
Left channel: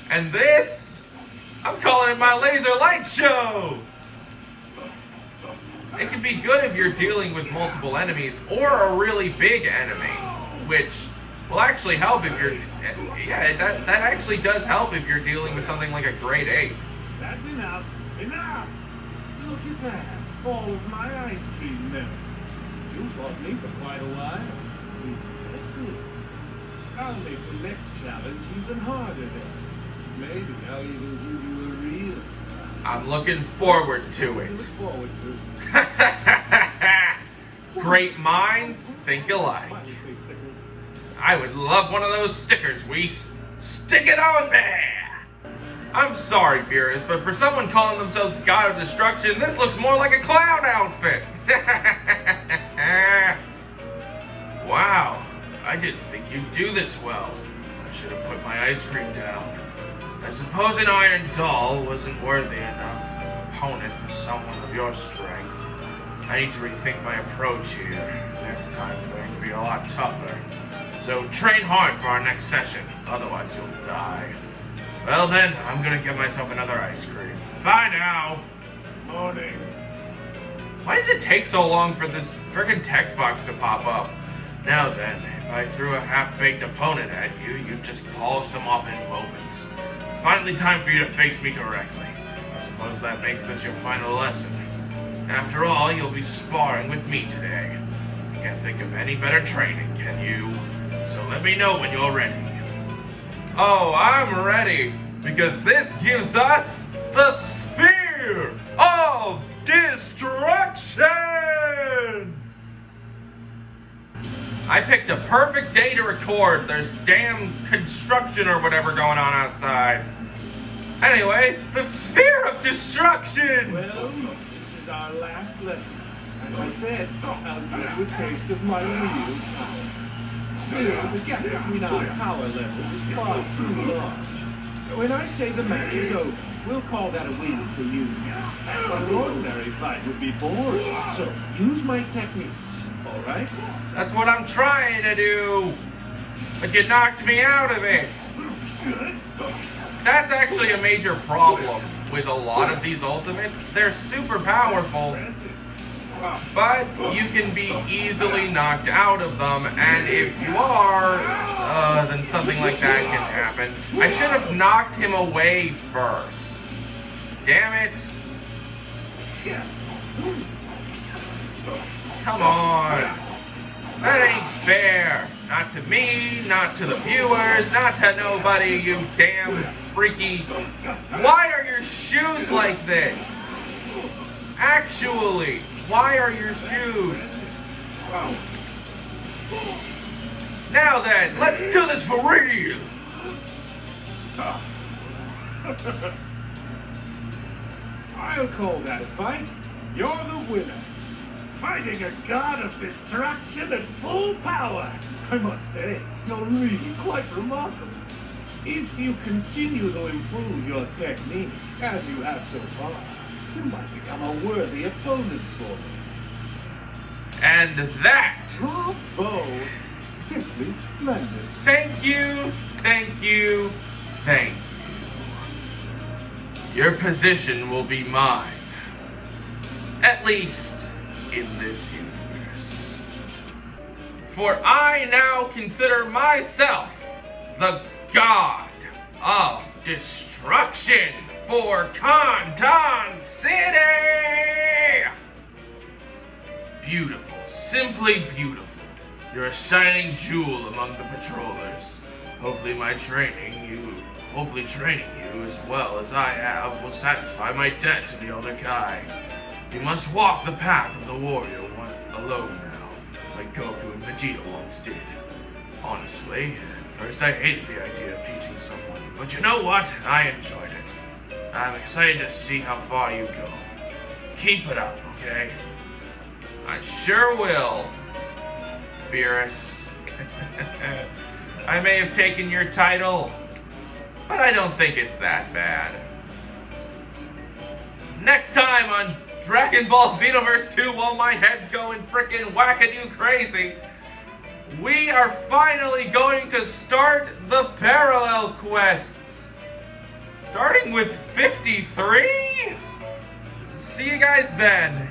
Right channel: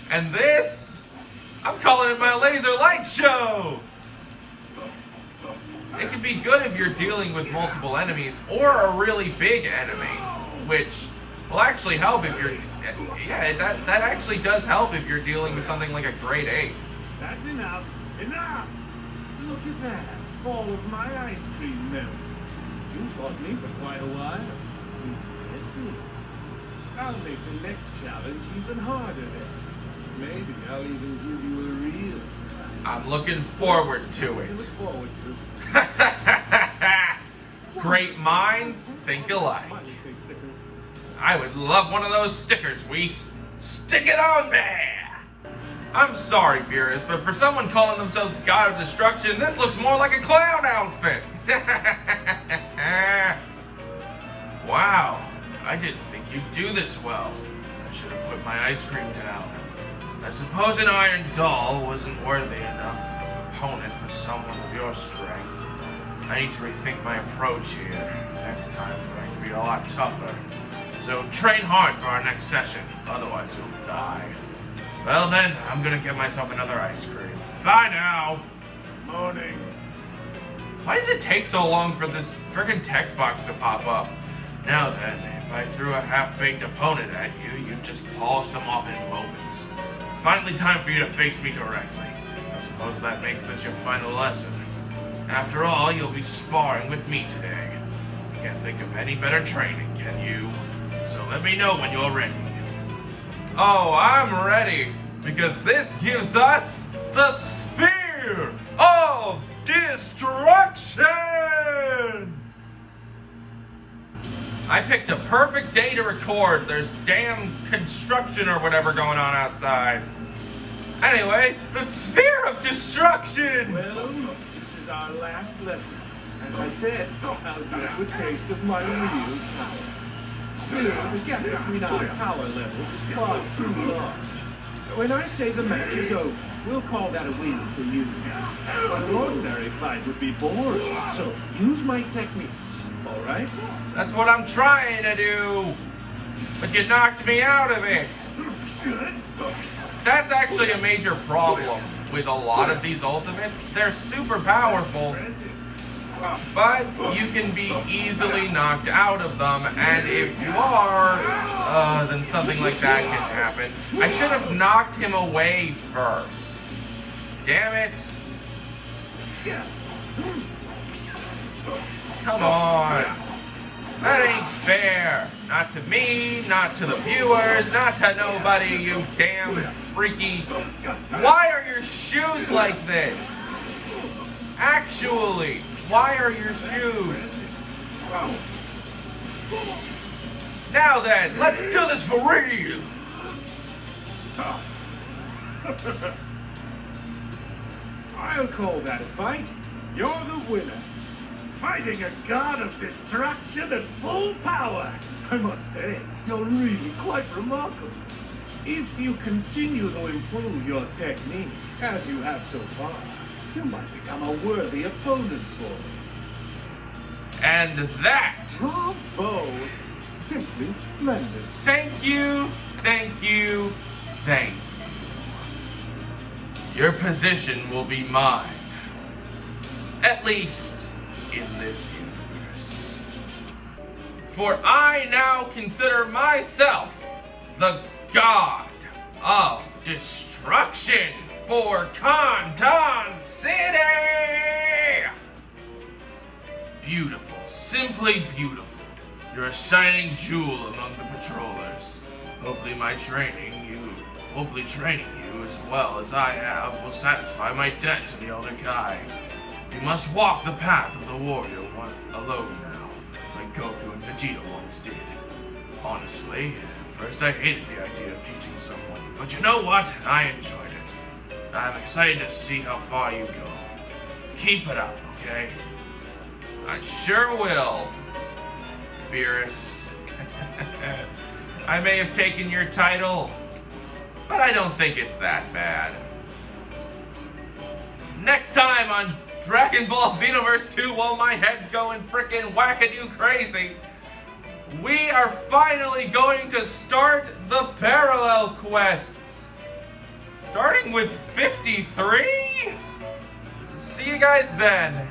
And this, I'm calling it my laser light show. It can be good if you're dealing with multiple enemies or a really big enemy, which will actually help if you're... Yeah, that actually does help if you're dealing with something like a grade 8. That's enough. Enough! Look at that. All of my ice cream melted. You fought me for quite a while. Impressive. I'll make the next challenge even harder then. Maybe I'll even give you a real fight. I'm looking forward to Look it. forward to. Great minds think alike. Smiley face stickers. I would love one of those stickers, Whis. Stick it on there! I'm sorry, Beerus, but for someone calling themselves the God of Destruction, this looks more like a clown outfit. Wow, I didn't think you'd do this well. I should have put my ice cream down. I suppose an iron doll wasn't worthy enough opponent for someone of your strength. I need to rethink my approach here. Next time's going to be a lot tougher. So train hard for our next session, otherwise you'll die. Well then, I'm gonna get myself another ice cream. Bye now! Morning. Why does it take so long for this frickin' text box to pop up? Now then, if I threw a half-baked opponent at you, you'd just polish them off in moments. It's finally time for you to face me directly. I suppose that makes this your final lesson. After all, you'll be sparring with me today. You can't think of any better training, can you? So let me know when you're ready. Oh, I'm ready, because this gives us the Sphere of Destruction! I picked a perfect day to record. There's damn construction or whatever going on outside. Anyway, the Sphere of Destruction! Well, this is our last lesson. As I said, I'll give you a taste of my real power. Still, the gap between our power levels is far too large. When I say the match is over, we'll call that a win for you. An ordinary fight would be boring, so use my techniques, all right? That's what I'm trying to do. But you knocked me out of it. That's actually a major problem with a lot of these ultimates. They're super powerful, but you can be easily knocked out of them, and if you are, then something like that can happen. I should have knocked him away first. Damn it. Come on. That ain't fair. Not to me, not to the viewers, not to nobody, you damn freaky. Why are your shoes like this? Actually, why are your shoes? Now then, let's do this for real. I'll call that a fight. You're the winner. Fighting a god of destruction at full power. I must say, you're really quite remarkable. If you continue to improve your technique, as you have so far, you might become a worthy opponent for me. And that. Bravo! Simply splendid. Thank you, thank you, thank you. Your position will be mine. At least in this universe. For I now consider myself the god of destruction for Conton City! Beautiful, simply beautiful. You're a shining jewel among the patrollers. Hopefully training you as well as I have will satisfy my debt to the Elder Kai. You must walk the path of the warrior alone now, like Goku and Vegeta once did. Honestly, at first I hated the idea of teaching someone, but you know what? I enjoyed it. I'm excited to see how far you go. Keep it up, okay? I sure will, Beerus. I may have taken your title, but I don't think it's that bad. Next time on Dragon Ball Xenoverse 2, while my head's going frickin' wackadoo crazy, we are finally going to start the parallel quests. Starting with 53? See you guys then.